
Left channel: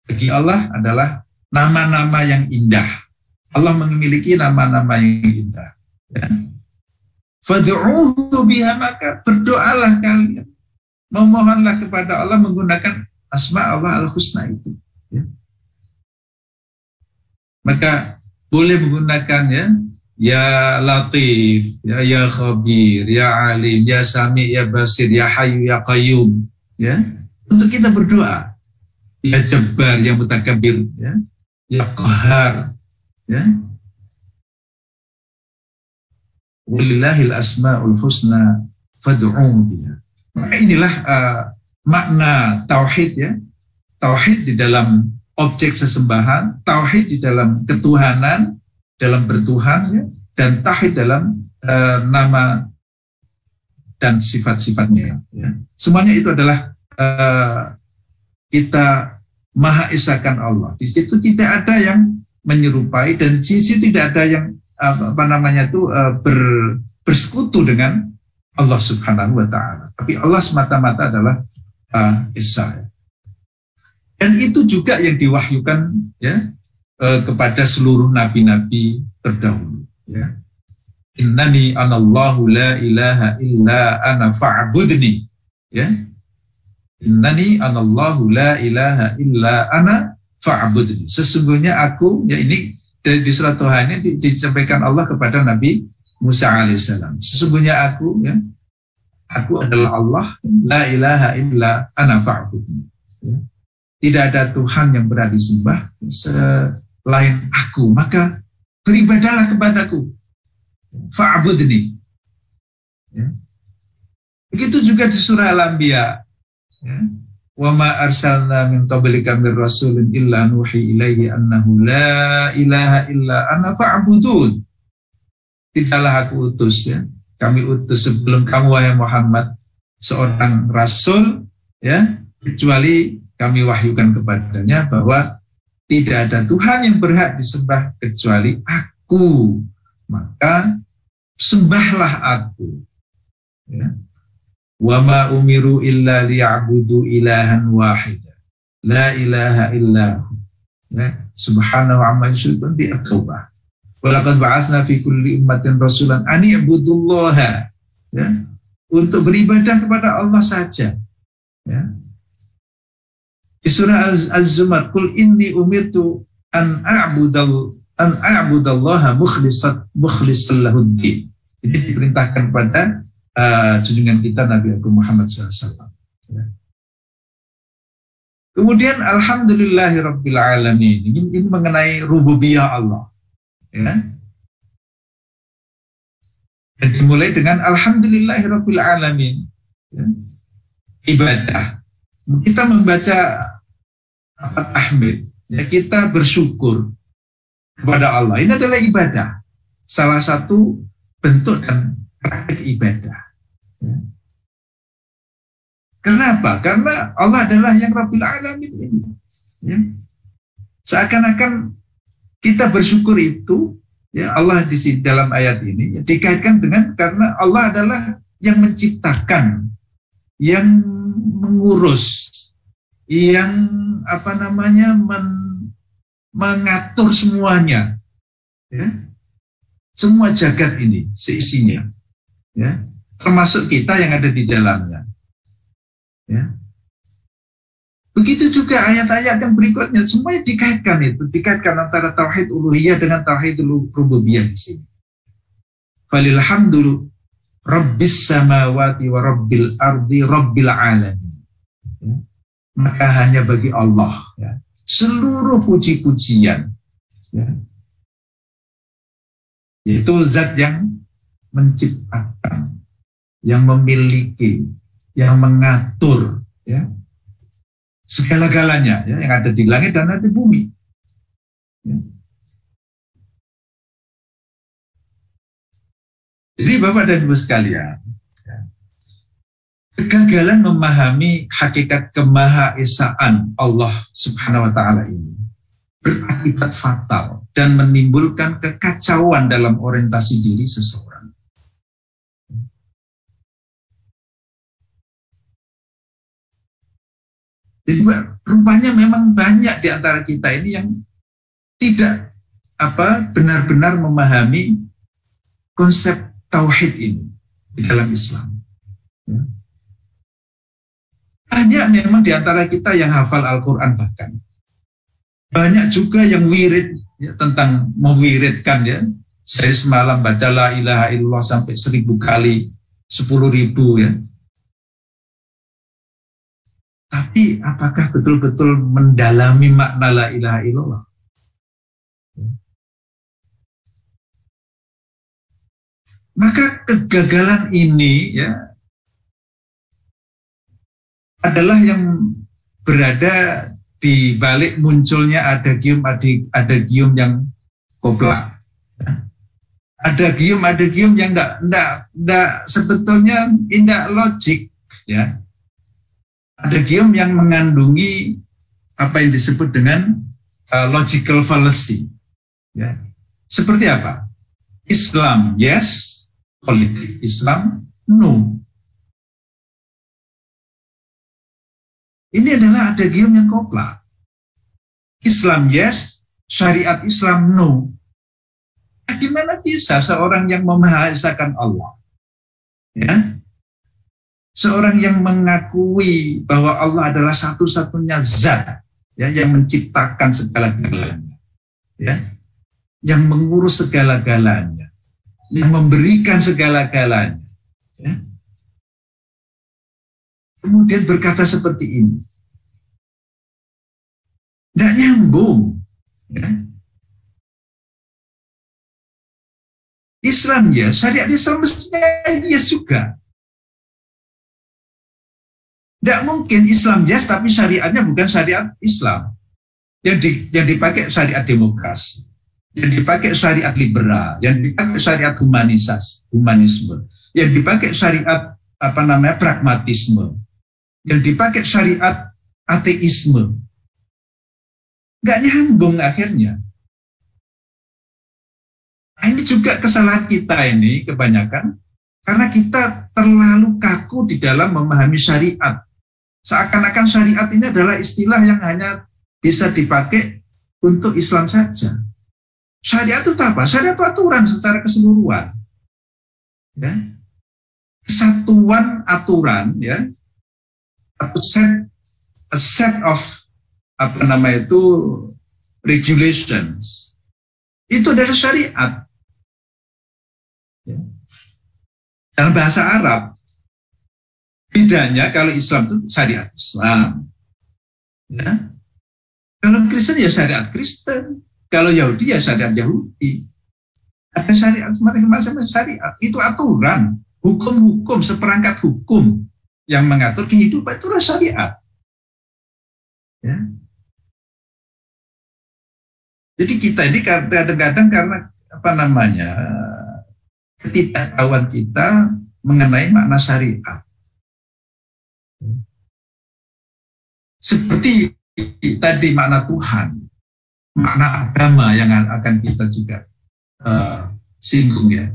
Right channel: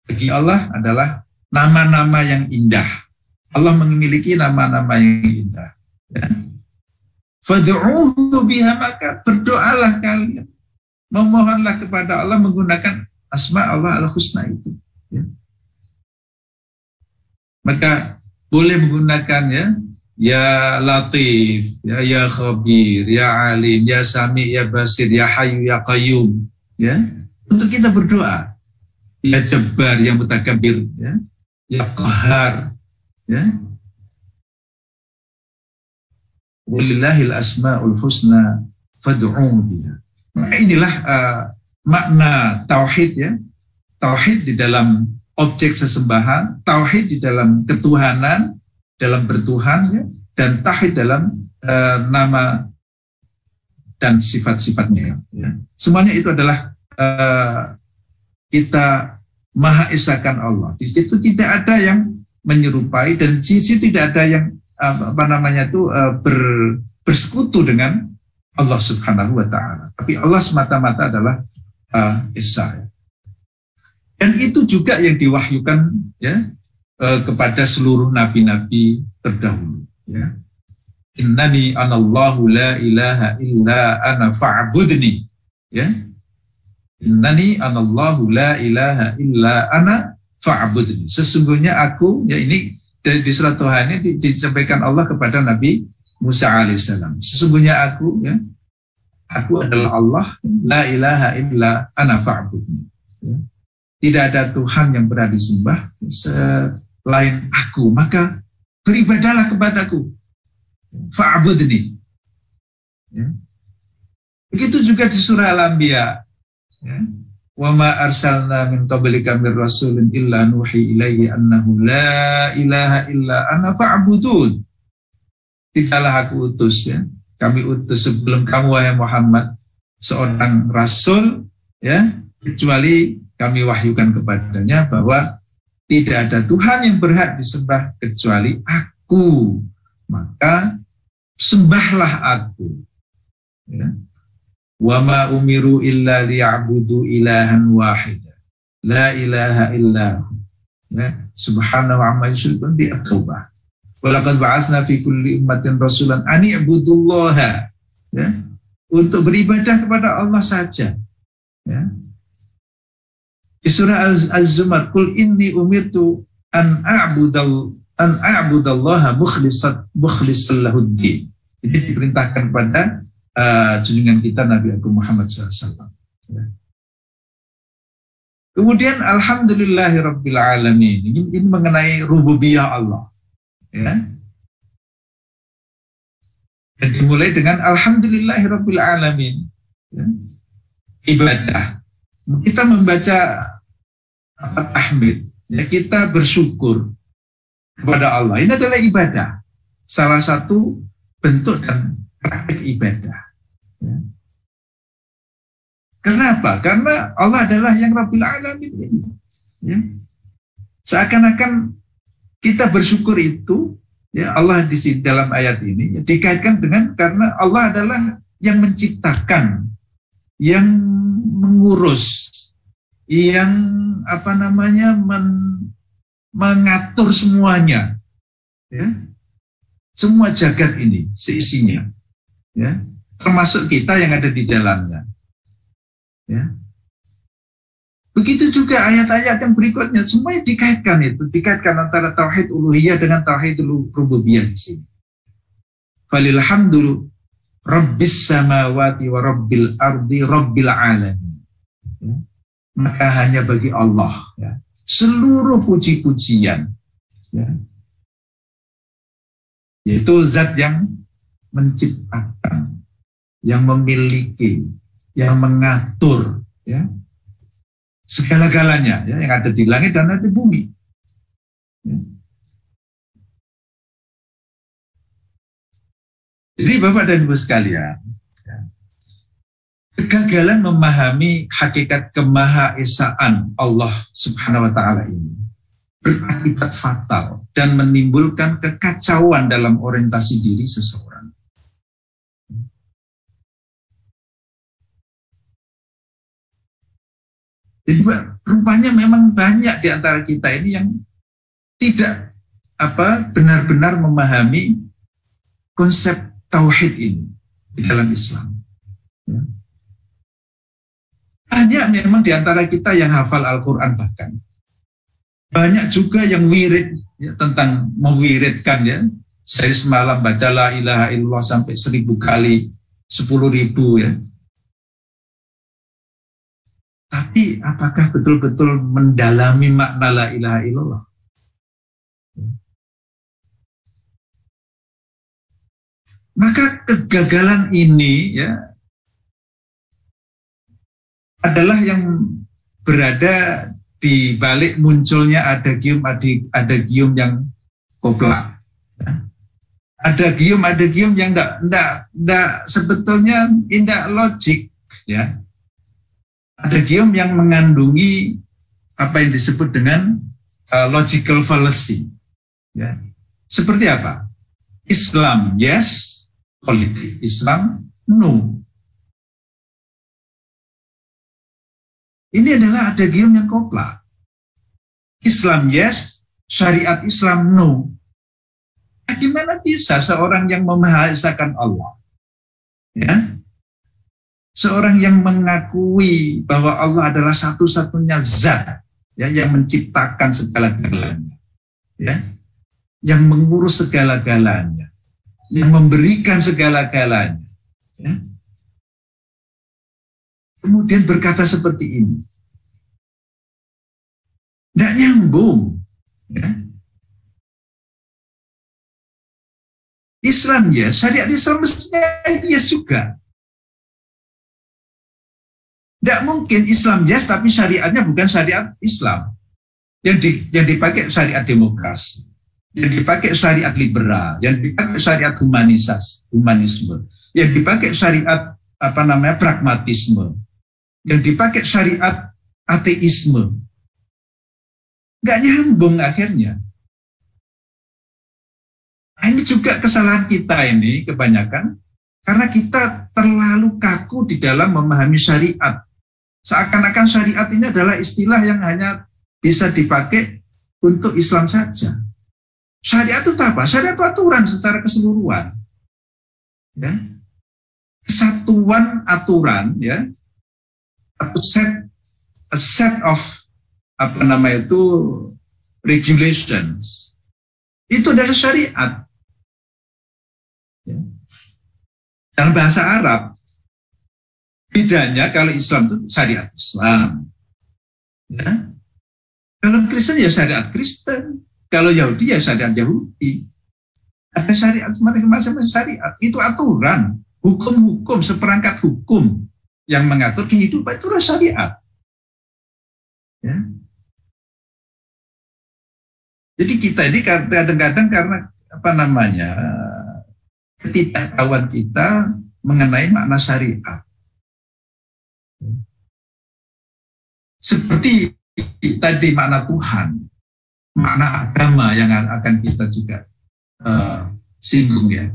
bagi Allah adalah nama-nama yang indah. Allah memiliki nama-nama yang indah. Ya. Fad'uuhu biha, maka berdoalah kalian. Memohonlah kepada Allah menggunakan asma Allah al-husna itu. Ya. Maka boleh menggunakan ya Latif, ya Khabir, ya Alim, ya Sami, ya Basir, ya Hayyu, ya Qayyum. Ya. Untuk kita berdoa. Ya Jabbar, ya Mutakabir, ya Qahar. Ya. Walillahil asmaul husna fad'uuhu biha. Maka inilah makna tauhid ya. Tauhid di dalam objek sesembahan, tauhid di dalam ketuhanan, dalam bertuhan ya, dan tauhid dalam nama dan sifat-sifatnya ya. Semuanya itu adalah kita maha esakan Allah. Di situ tidak ada yang menyerupai dan sisi tidak ada yang bersekutu dengan Allah Subhanahu Wa Taala. Tapi Allah semata-mata adalah Esa. Dan itu juga yang diwahyukan ya kepada seluruh nabi-nabi terdahulu. Ya. Innani anallahu la ilaha illa ana fa'budni. Ya. Innani anallahu la ilaha illa ana fa'budni. Sesungguhnya aku, ya ini di surat Tuhan ini disampaikan Allah kepada Nabi Musa alaihissalam. Sesungguhnya aku, ya, aku adalah Allah, la ilaha illa ana fa'budni. Ya. Tidak ada Tuhan yang berhak disembah selain aku, maka beribadahlah kepadaku. Fa'budni. Ya. Begitu juga di surah Al-Anbiya. Ya. Wa ma arsalna min qablika mir rasulin illa nuhi ilaihi annahu la ilaha illa ana fa'budun. Tidaklah aku utus ya. Kami utus sebelum kamu wahai Muhammad seorang rasul ya, kecuali kami wahyukan kepadanya bahwa tidak ada Tuhan yang berhak disembah kecuali aku. Maka sembahlah aku. Ya. Wa ma umiru illa liya'budu ilahan wahida la ilaha illahu ya subhanahu amma yusyrikun di At-Taubah. Wa laqad ba'atsna fi kulli ummatin rasulan an i'budullaha ya, untuk beribadah kepada Allah saja ya. Di surah Az-Zumar, qul inni umirtu an a'budallaha mukhlishan lahuddin. Jadi diperintahkan kepada junjungan kita Nabi Agung Muhammad SAW. Ya. Kemudian alhamdulillahirabbil alamin. Ini mengenai rububiyah Allah. Ya. Dan dimulai dengan alhamdulillahirabbil alamin. Ya. Ibadah. Kita membaca tahmid, ya, kita bersyukur kepada Allah. Ini adalah ibadah. Salah satu bentuk dan praktik ibadah. Ya. Kenapa? Karena Allah adalah yang Rabbil Alamin ini. Ya. Seakan-akan kita bersyukur itu, ya, Allah di dalam ayat ini ya, dikaitkan dengan karena Allah adalah yang menciptakan, yang mengurus, yang mengatur semuanya, ya, semua jagat ini seisinya, ya, termasuk kita yang ada di dalamnya. Ya. Begitu juga ayat-ayat yang berikutnya, semuanya dikaitkan antara tauhid uluhiyah dengan tauhid rububiyah di sini. Falilhamdulillah Rabbis samawati wa rabbil ardi rabbil alamin. Ya. Maka hanya bagi Allah, ya, seluruh puji-pujian, ya, yaitu zat yang menciptakan, yang memiliki, yang mengatur, ya, segala-galanya, ya, yang ada di langit dan ada di bumi. Ya. Jadi Bapak dan Ibu sekalian, ya, kegagalan memahami hakikat kemahaesaan Allah Subhanahu wa Ta'ala ini berakibat fatal dan menimbulkan kekacauan dalam orientasi diri seseorang. Jadi rupanya memang banyak di antara kita ini yang tidak benar-benar memahami konsep tauhid ini di dalam Islam. Ya. Banyak memang di antara kita yang hafal Al-Quran bahkan. Banyak juga yang wirid, ya, tentang mewiridkan, ya. Saya semalam baca la ilaha illallah sampai 1000 kali, 10.000, ya. Tapi apakah betul-betul mendalami makna la ilaha illallah? Maka kegagalan ini, ya, adalah yang berada di balik munculnya ada gium yang koplak. Ada gium yang enggak sebetulnya tidak logik, ya. Ada gium yang mengandungi apa yang disebut dengan logical fallacy. Ya. Seperti apa? Islam yes, politik Islam no. Ini adalah ada gium yang koplak. Islam yes, syariat Islam no. Nah, gimana bisa seorang yang memahaesakan Allah, ya, seorang yang mengakui bahwa Allah adalah satu-satunya zat, ya, yang menciptakan segala-galanya, ya, yang mengurus segala-galanya, yang memberikan segala-galanya, ya, kemudian berkata seperti ini, tidak nyambung, ya. Islam ya, syariat Islam mestinya yes juga. Tidak mungkin Islam yes, tapi syariatnya bukan syariat Islam. Yang dipakai syariat demokrasi, yang dipakai syariat liberal, yang dipakai syariat humanisme, yang dipakai syariat pragmatisme, yang dipakai syariat ateisme. Nggak nyambung akhirnya. Nah, ini juga kesalahan kita ini kebanyakan, karena kita terlalu kaku di dalam memahami syariat. Seakan-akan syariat ini adalah istilah yang hanya bisa dipakai untuk Islam saja. Syariat itu apa? Syariat itu aturan secara keseluruhan. Ya. Kesatuan aturan, ya. A set of regulations. Itu adalah syariat. Ya. Dalam bahasa Arab, bedanya kalau Islam itu syariat Islam. Ya. Kalau Kristen ya syariat Kristen, kalau Yahudi ya syariat Yahudi. Ada syariat, macam-macam syariat. Itu aturan, hukum-hukum, seperangkat hukum yang mengatur kehidupan, itulah syariat. Ya. Jadi kita ini kadang-kadang karena ketidaktahuan kita mengenai makna syariat. Seperti tadi makna Tuhan, makna agama yang akan kita juga singgung ya.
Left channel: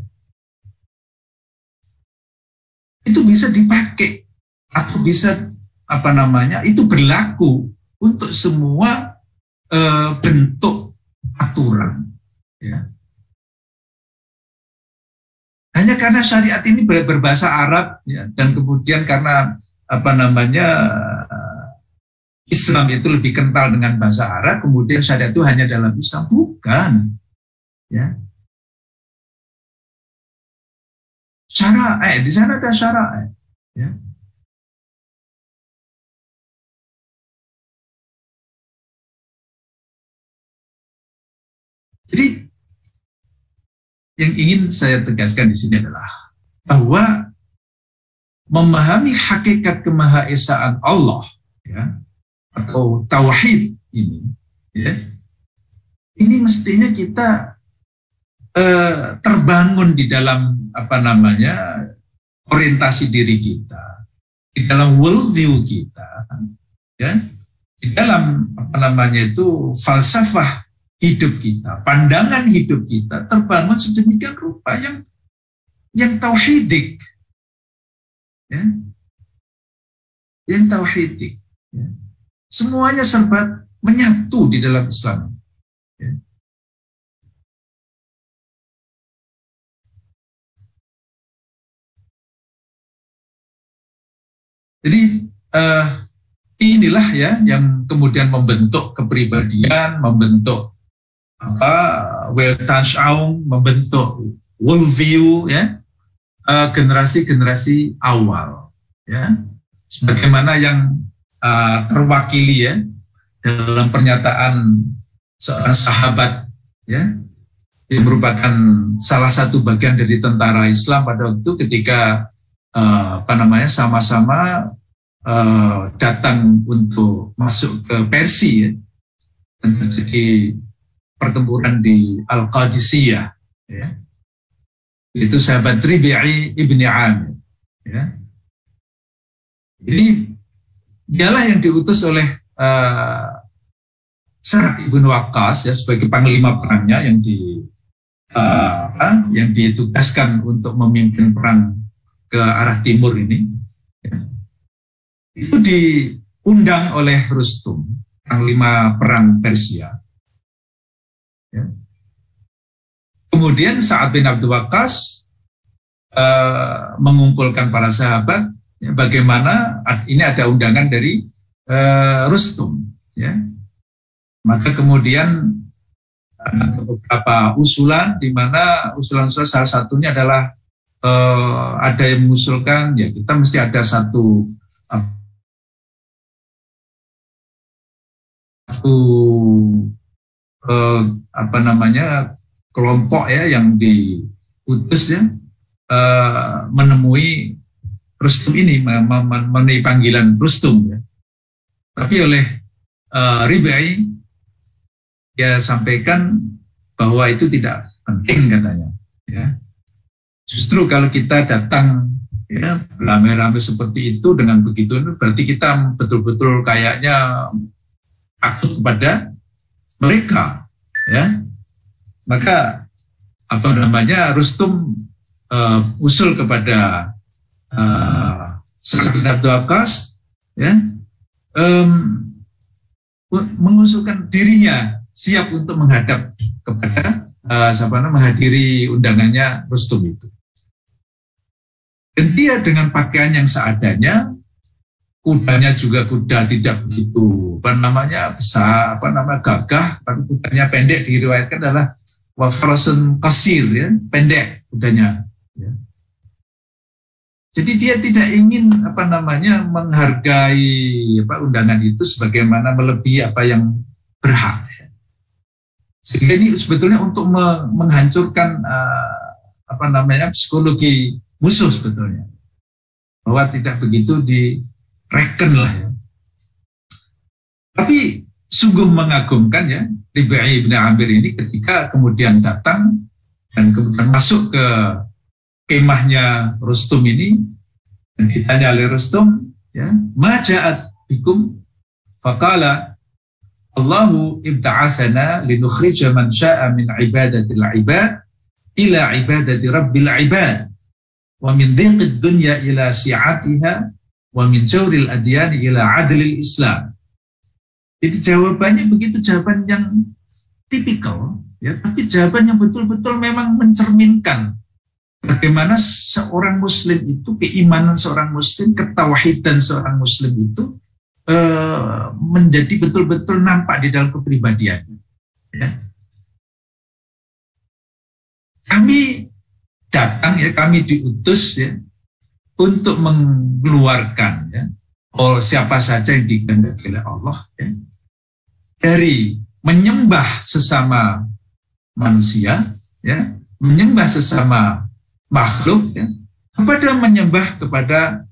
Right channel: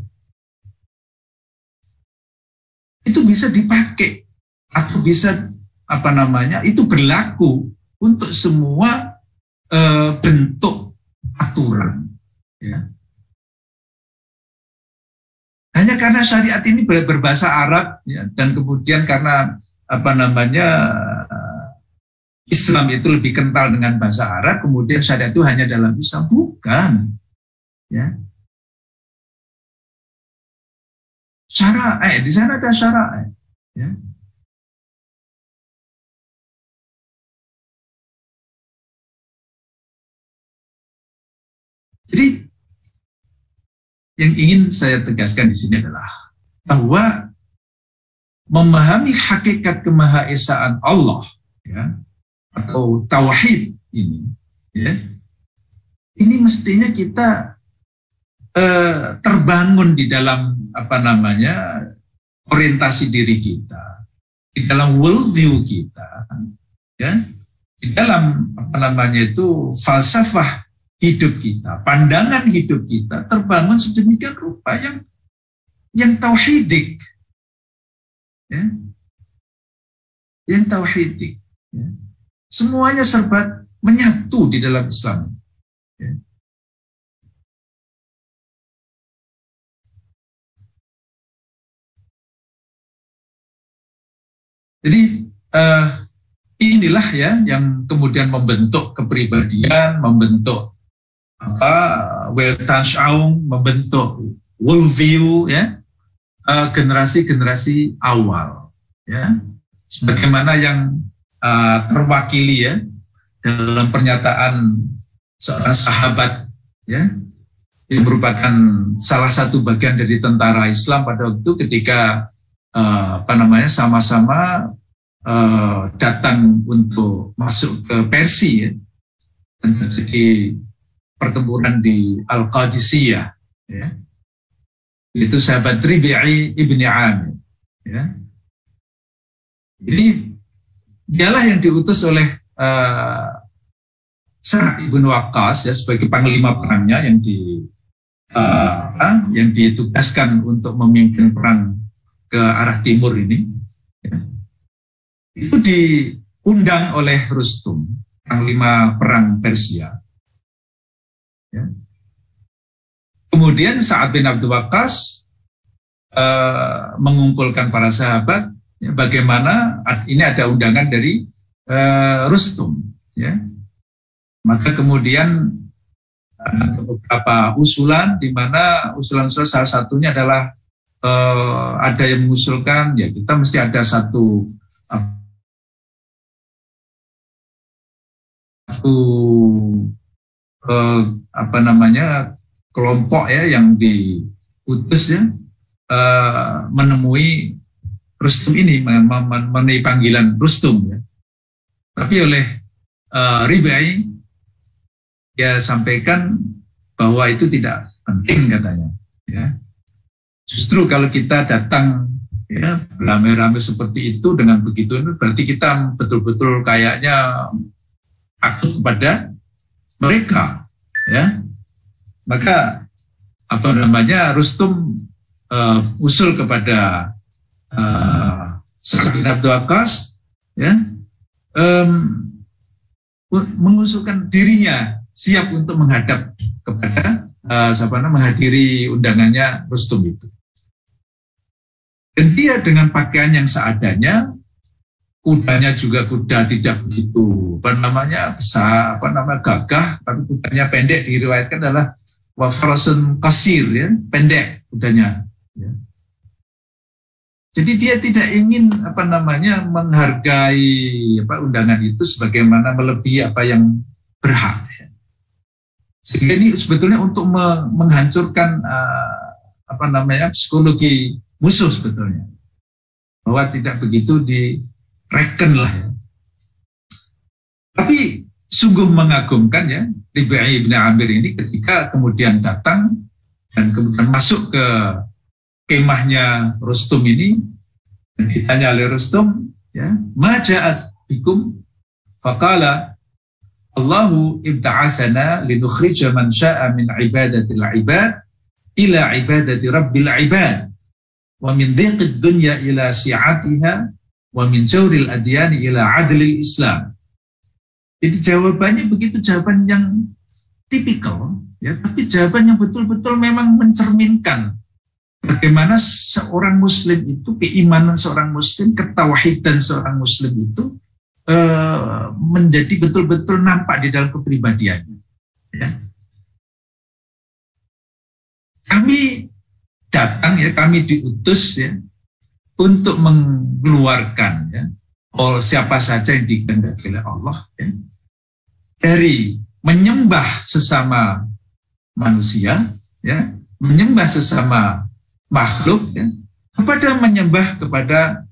Itu bisa dipakai atau bisa itu berlaku untuk semua bentuk aturan. Ya. Hanya karena syariat ini berbahasa Arab ya, dan kemudian karena Islam itu lebih kental dengan bahasa Arab, kemudian syariat itu hanya dalam Islam, bukan. Ya. Syara'ah, di sana ada syara'ah. Ya. Jadi yang ingin saya tegaskan di sini adalah bahwa memahami hakikat kemahaesaan Allah, ya, atau tauhid ini, ya, ini mestinya kita terbangun di dalam orientasi diri kita, di dalam worldview kita, ya, di dalam falsafah hidup kita, pandangan hidup kita terbangun sedemikian rupa yang tauhidik, ya, yang tauhidik, ya. Semuanya serba menyatu di dalam Islam. Ya. Jadi inilah ya yang kemudian membentuk kepribadian, membentuk Weltanschauung, membentuk worldview, ya, generasi-generasi awal, ya, sebagaimana yang terwakili ya dalam pernyataan seorang sahabat, ya, yang merupakan salah satu bagian dari tentara Islam pada waktu ketika sama-sama datang untuk masuk ke Persia, ya, dan terjadi pertempuran di Al-Qadisiyah, ya. Itu sahabat Ribi'i ibni Amir, ya. Jadi dialah yang diutus oleh Sa'ad bin Waqqas, ya, sebagai panglima perangnya yang ditugaskan untuk memimpin perang ke arah timur ini, ya. Itu diundang oleh Rustum, panglima perang Persia. Ya. Kemudian Sa'ad bin Abi Waqqas mengumpulkan para sahabat, ya, bagaimana ini ada undangan dari Rustum, ya. Maka kemudian beberapa usulan, di mana usulan-usulan salah satunya adalah ada yang mengusulkan, ya, kita mesti ada satu kelompok, ya, yang diutus, ya, menemui Rustum ini, memenuhi panggilan Rustum, ya. Tapi oleh Ribai dia sampaikan bahwa itu tidak penting, katanya, ya. Justru kalau kita datang, ya, rame-rame seperti itu dengan begitu, berarti kita betul-betul kayaknya takut kepada mereka, ya. Maka Rustum usul kepada Sa'ad bin Abi Waqqas, ya, mengusulkan dirinya siap untuk menghadap kepada menghadiri undangannya Rustum itu. Dan dia dengan pakaian yang seadanya, kudanya juga kuda tidak begitu besar, gagah, tapi kudanya pendek, diriwayatkan adalah wafrasun qasir, ya, pendek kudanya, ya. Jadi dia tidak ingin menghargai undangan itu sebagaimana melebihi apa yang berhak. Sehingga ini sebetulnya untuk menghancurkan psikologi musuh sebetulnya, bahwa tidak begitu direken lah ya. Tapi sungguh mengagumkan ya, Rib'i bin Amir ini ketika kemudian datang dan kemudian masuk ke kemahnya Rustum ini, dan ditanya oleh Rustum, ya, ma ja'at bikum, faqala Allahu ibta'asana linukhrija man sya'a min ibadatil ibad ila ibadati rabbil ibad wa min dhiqid dunya ila si'atiha wa min jawril adyani ila adlil Islam. Jadi jawabannya begitu, jawaban yang tipikal ya, tapi jawaban yang betul-betul memang mencerminkan bagaimana seorang muslim itu, keimanan seorang muslim, ketauhidan seorang muslim itu menjadi betul-betul nampak di dalam kepribadiannya. Ya. Kami datang ya, kami diutus ya untuk mengeluarkan ya siapa saja yang dikehendaki oleh Allah ya, dari menyembah sesama manusia ya, menyembah sesama makhluk ya, kepada menyembah kepada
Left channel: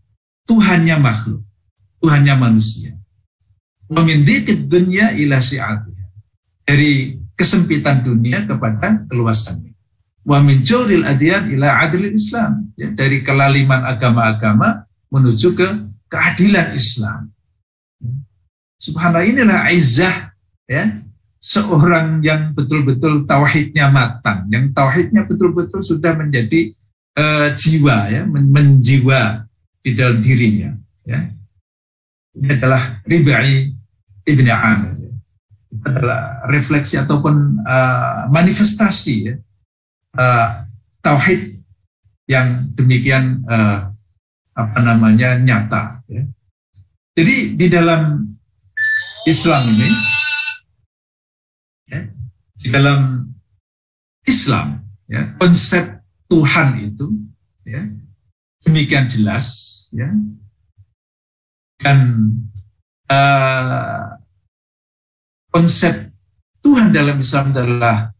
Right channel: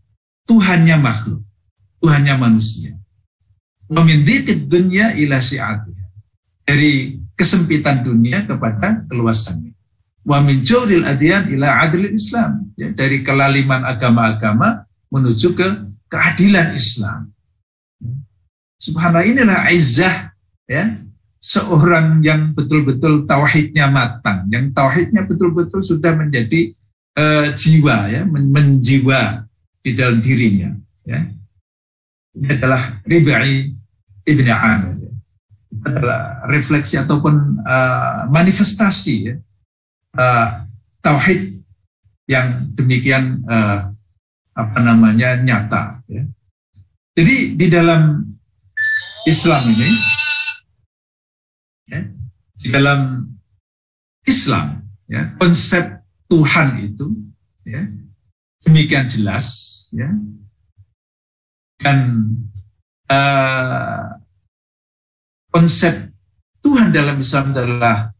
Tuhannya makhluk, Tuhannya manusia. Wa min dhiqid dunya ila si'atiha, dari kesempitan dunia kepada keluasannya. Wa min jawril adyan ila adlil Islam, ya, dari kelaliman agama-agama menuju ke keadilan Islam. Subhanallah, inilah izzah ya seorang yang betul-betul tauhidnya matang, yang tauhidnya betul-betul sudah menjadi jiwa ya, menjiwa di dalam dirinya ya. Ini adalah Rib'i ibn Amir. Itu adalah refleksi ataupun manifestasi ya, tauhid yang demikian nyata ya. Jadi di dalam Islam ini ya, di dalam Islam ya, konsep Tuhan itu ya demikian jelas ya, dan konsep Tuhan dalam Islam adalah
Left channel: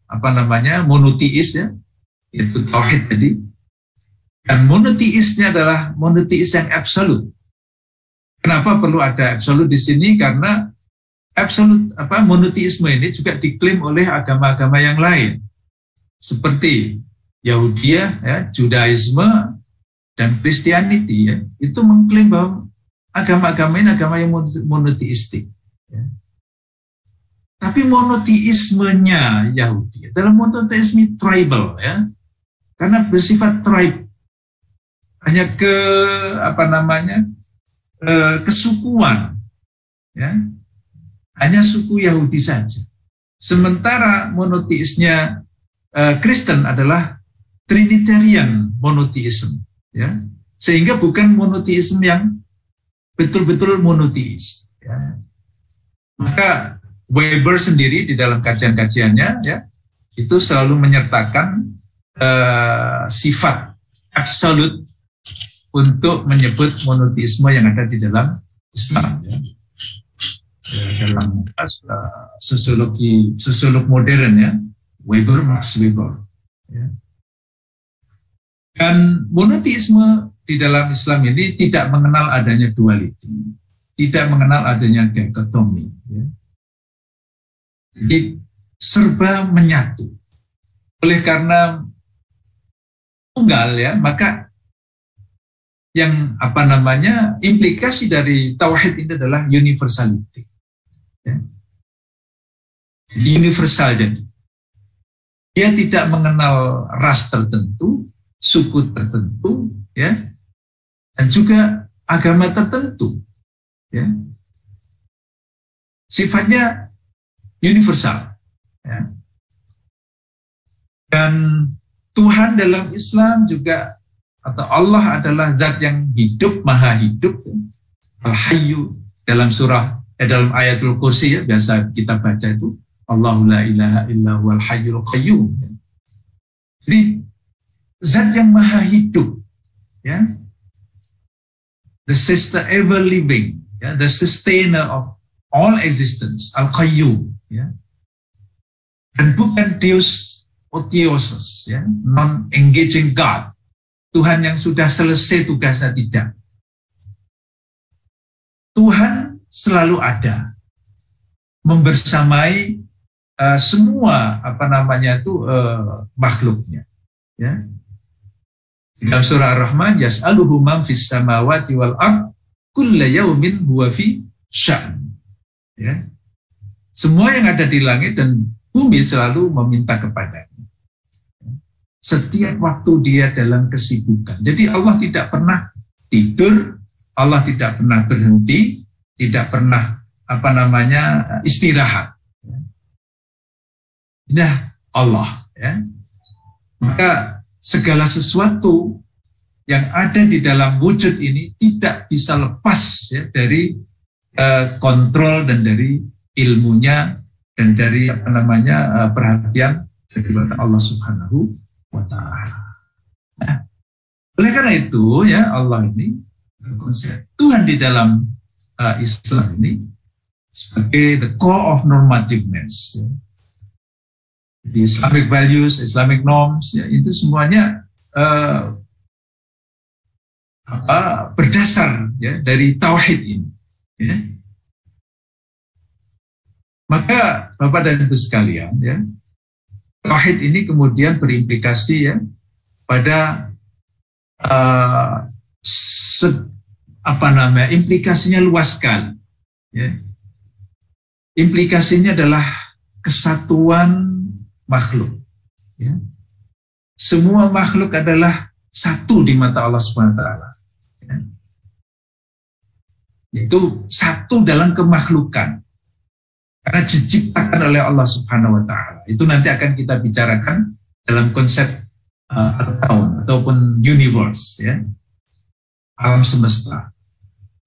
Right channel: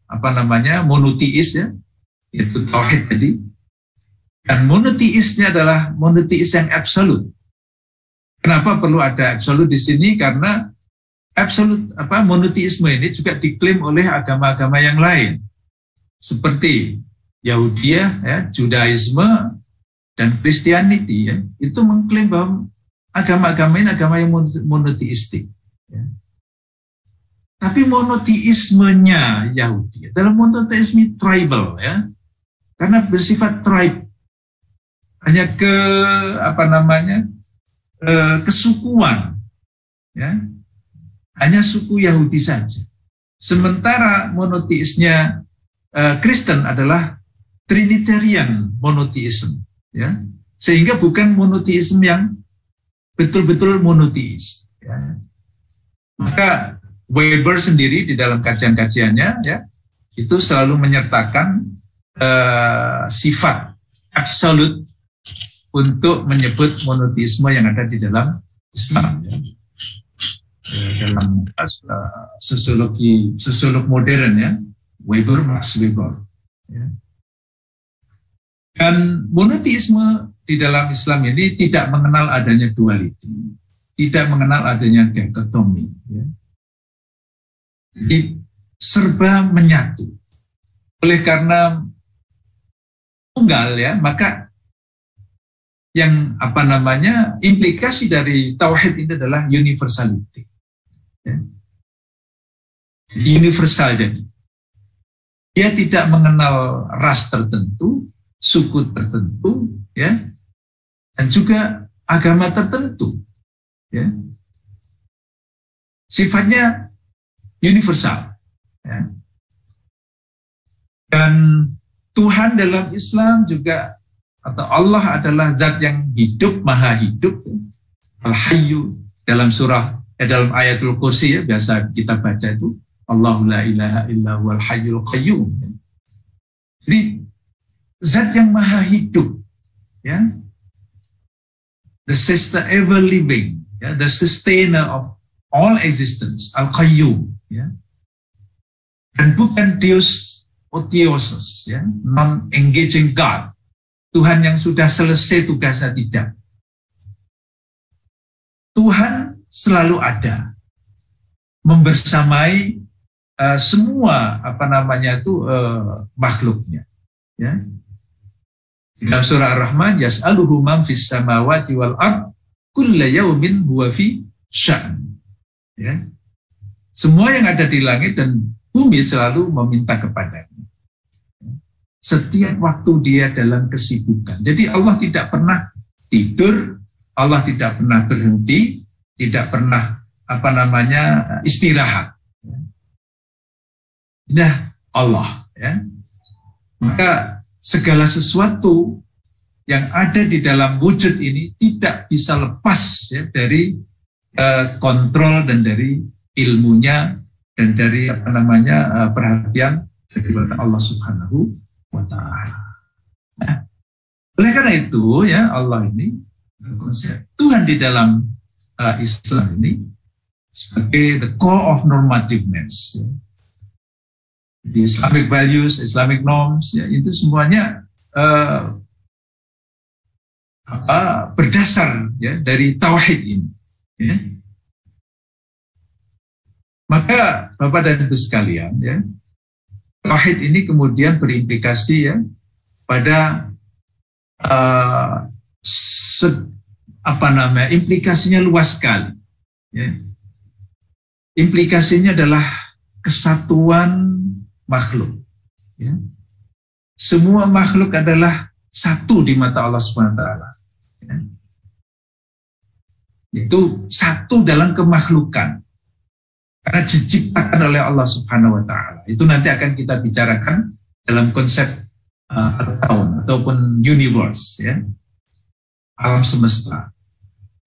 monoteis ya, yaitu tauhid tadi, dan monoteisnya adalah monoteis yang absolut. Kenapa perlu ada absolut di sini? Karena absolut monoteisme ini juga diklaim oleh agama-agama yang lain, seperti Yahudiyah ya, Judaisme dan Kristianiti ya, itu mengklaim bahwa agama-agama ini agama yang monoteistik ya. Tapi monoteismenya Yahudi adalah monoteisme tribal ya, karena bersifat tribe, hanya kesukuan ya, hanya suku Yahudi saja. Sementara monoteisnya Kristen adalah Trinitarian monoteism ya, sehingga bukan monoteisme yang betul-betul monoteis ya. Maka Weber sendiri di dalam kajian-kajiannya ya, itu selalu menyertakan sifat absolut untuk menyebut monoteisme yang ada di dalam Islam ya. Dalam sosiolog modern ya, Max Weber ya. Dan monoteisme di dalam Islam ini tidak mengenal adanya duality, tidak mengenal adanya dikotomi ya. Jadi serba menyatu. Oleh karena tunggal ya, maka yang implikasi dari tauhid ini adalah universality ya. Universal, jadi dia tidak mengenal ras tertentu, suku tertentu ya, dan juga agama tertentu ya. Sifatnya universal ya. Dan Tuhan dalam Islam juga, atau Allah adalah zat yang hidup, maha hidup ya. Al-Hayyu dalam dalam ayatul kursi ya, biasa kita baca itu Allahu la ilaha illa huwal hayyul qayyum ya. Jadi zat yang maha hidup ya, the ever living, the sustainer of all existence, Al-Qayyum, dan bukan Deus Otiosus, non-engaging God, Tuhan yang sudah selesai tugasnya, tidak. Tuhan selalu ada, membersamai semua makhluknya. Ya. Dalam surah Ar-Rahman, yas'aluhu man fis samawati wal ard kulla yaumin huwa fi sya'n. Ya. Semua yang ada di langit dan bumi selalu meminta kepadanya. Setiap waktu dia dalam kesibukan. Jadi Allah tidak pernah tidur, Allah tidak pernah berhenti, tidak pernah istirahat. Nah, Allah, ya. Maka segala sesuatu yang ada di dalam wujud ini tidak bisa lepas, ya, dari kontrol dan dari ilmunya dan dari perhatian dari Allah Subhanahu wa Ta'ala. Nah, oleh karena itu, ya, Allah ini Tuhan di dalam Islam ini sebagai the core of normativeness. Ya. The Islamic values, Islamic norms, ya, itu semuanya berdasar, ya, dari tauhid ini. Ya. Maka Bapak dan Ibu sekalian, ya, tauhid ini kemudian berimplikasi, ya, pada implikasinya luas sekali. Ya. Implikasinya adalah kesatuan makhluk. Ya. Semua makhluk adalah satu di mata Allah SWT. Ya. Itu satu dalam kemakhlukan. Karena diciptakan oleh Allah Subhanahu wa Ta'ala. Itu nanti akan kita bicarakan dalam konsep al-kaun ataupun universe, ya. Alam semesta.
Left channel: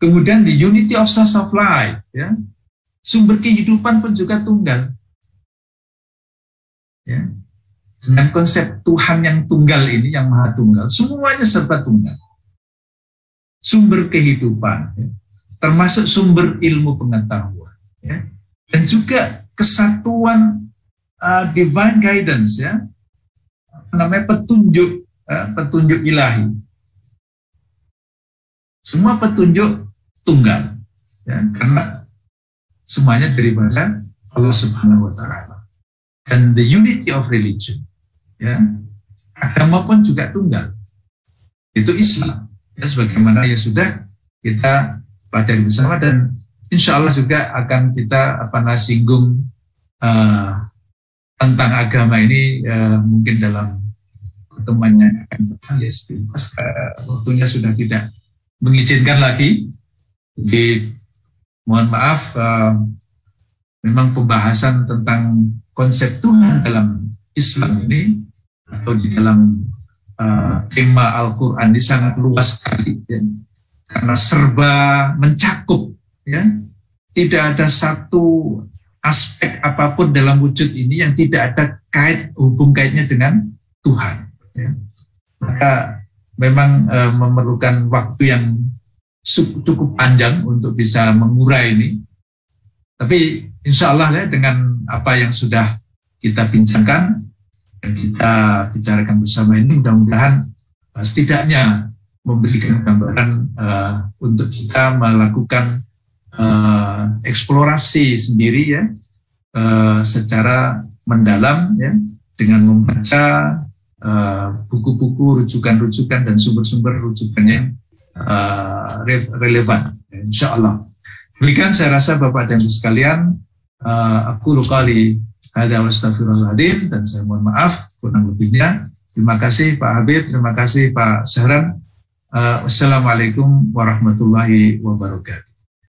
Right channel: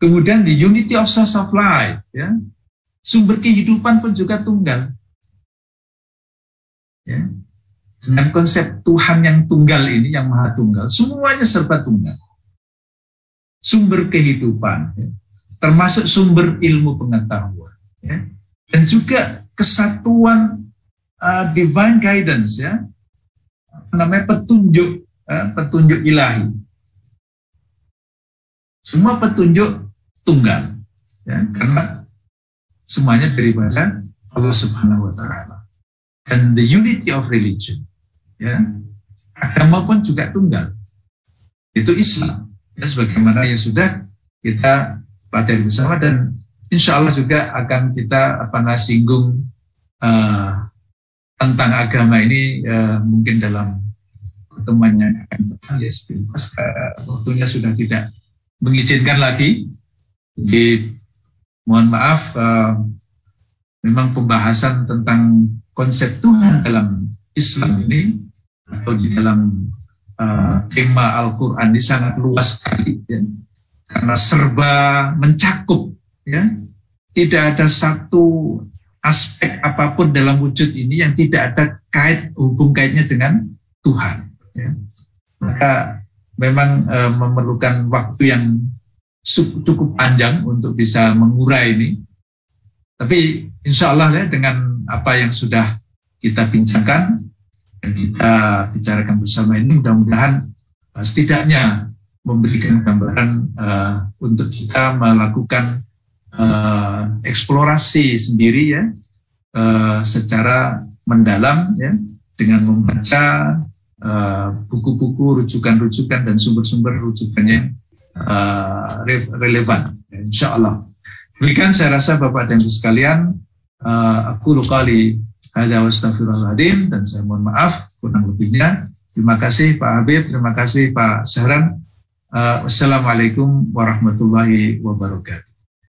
Kemudian the unity of source of life, ya. Sumber kehidupan pun juga tunggal. Ya. Dengan konsep Tuhan yang tunggal ini, yang maha tunggal, semuanya serba tunggal. Sumber kehidupan, ya. Termasuk sumber ilmu pengetahuan, ya. Dan juga kesatuan divine guidance, ya, petunjuk ilahi. Semua petunjuk tunggal, ya, karena semuanya daripada Allah Subhanahu wa Ta'ala. Dan the unity of religion, ya, agama pun juga tunggal, itu Islam, ya, sebagaimana yang sudah kita pelajari bersama, dan insya Allah juga akan kita singgung tentang agama ini mungkin dalam pertemuannya akan datang, ya, waktunya sudah tidak mengizinkan lagi. Jadi mohon maaf, memang pembahasan tentang konsep Tuhan dalam Islam ini atau di dalam tema Al-Quran ini sangat luas sekali, ya, karena serba mencakup. Ya, tidak ada satu aspek apapun dalam wujud ini yang tidak ada hubung kaitnya dengan Tuhan. Ya. Maka memang memerlukan waktu yang cukup panjang untuk bisa mengurai ini. Tapi insya Allah, ya, dengan apa yang sudah kita bincangkan dan kita bicarakan bersama ini, mudah-mudahan setidaknya memberikan gambaran untuk kita melakukan eksplorasi sendiri, ya, secara mendalam, ya, dengan membaca buku-buku, rujukan-rujukan dan sumber-sumber rujukannya relevan, ya, insya Allah. Demikian saya rasa Bapak dan Ibu sekalian, aku kali hada wa astaghfirullahaladzim, dan saya mohon maaf kurang lebihnya. Terima kasih Pak Habib, terima kasih Pak Syahran. Wassalamualaikum warahmatullahi wabarakatuh.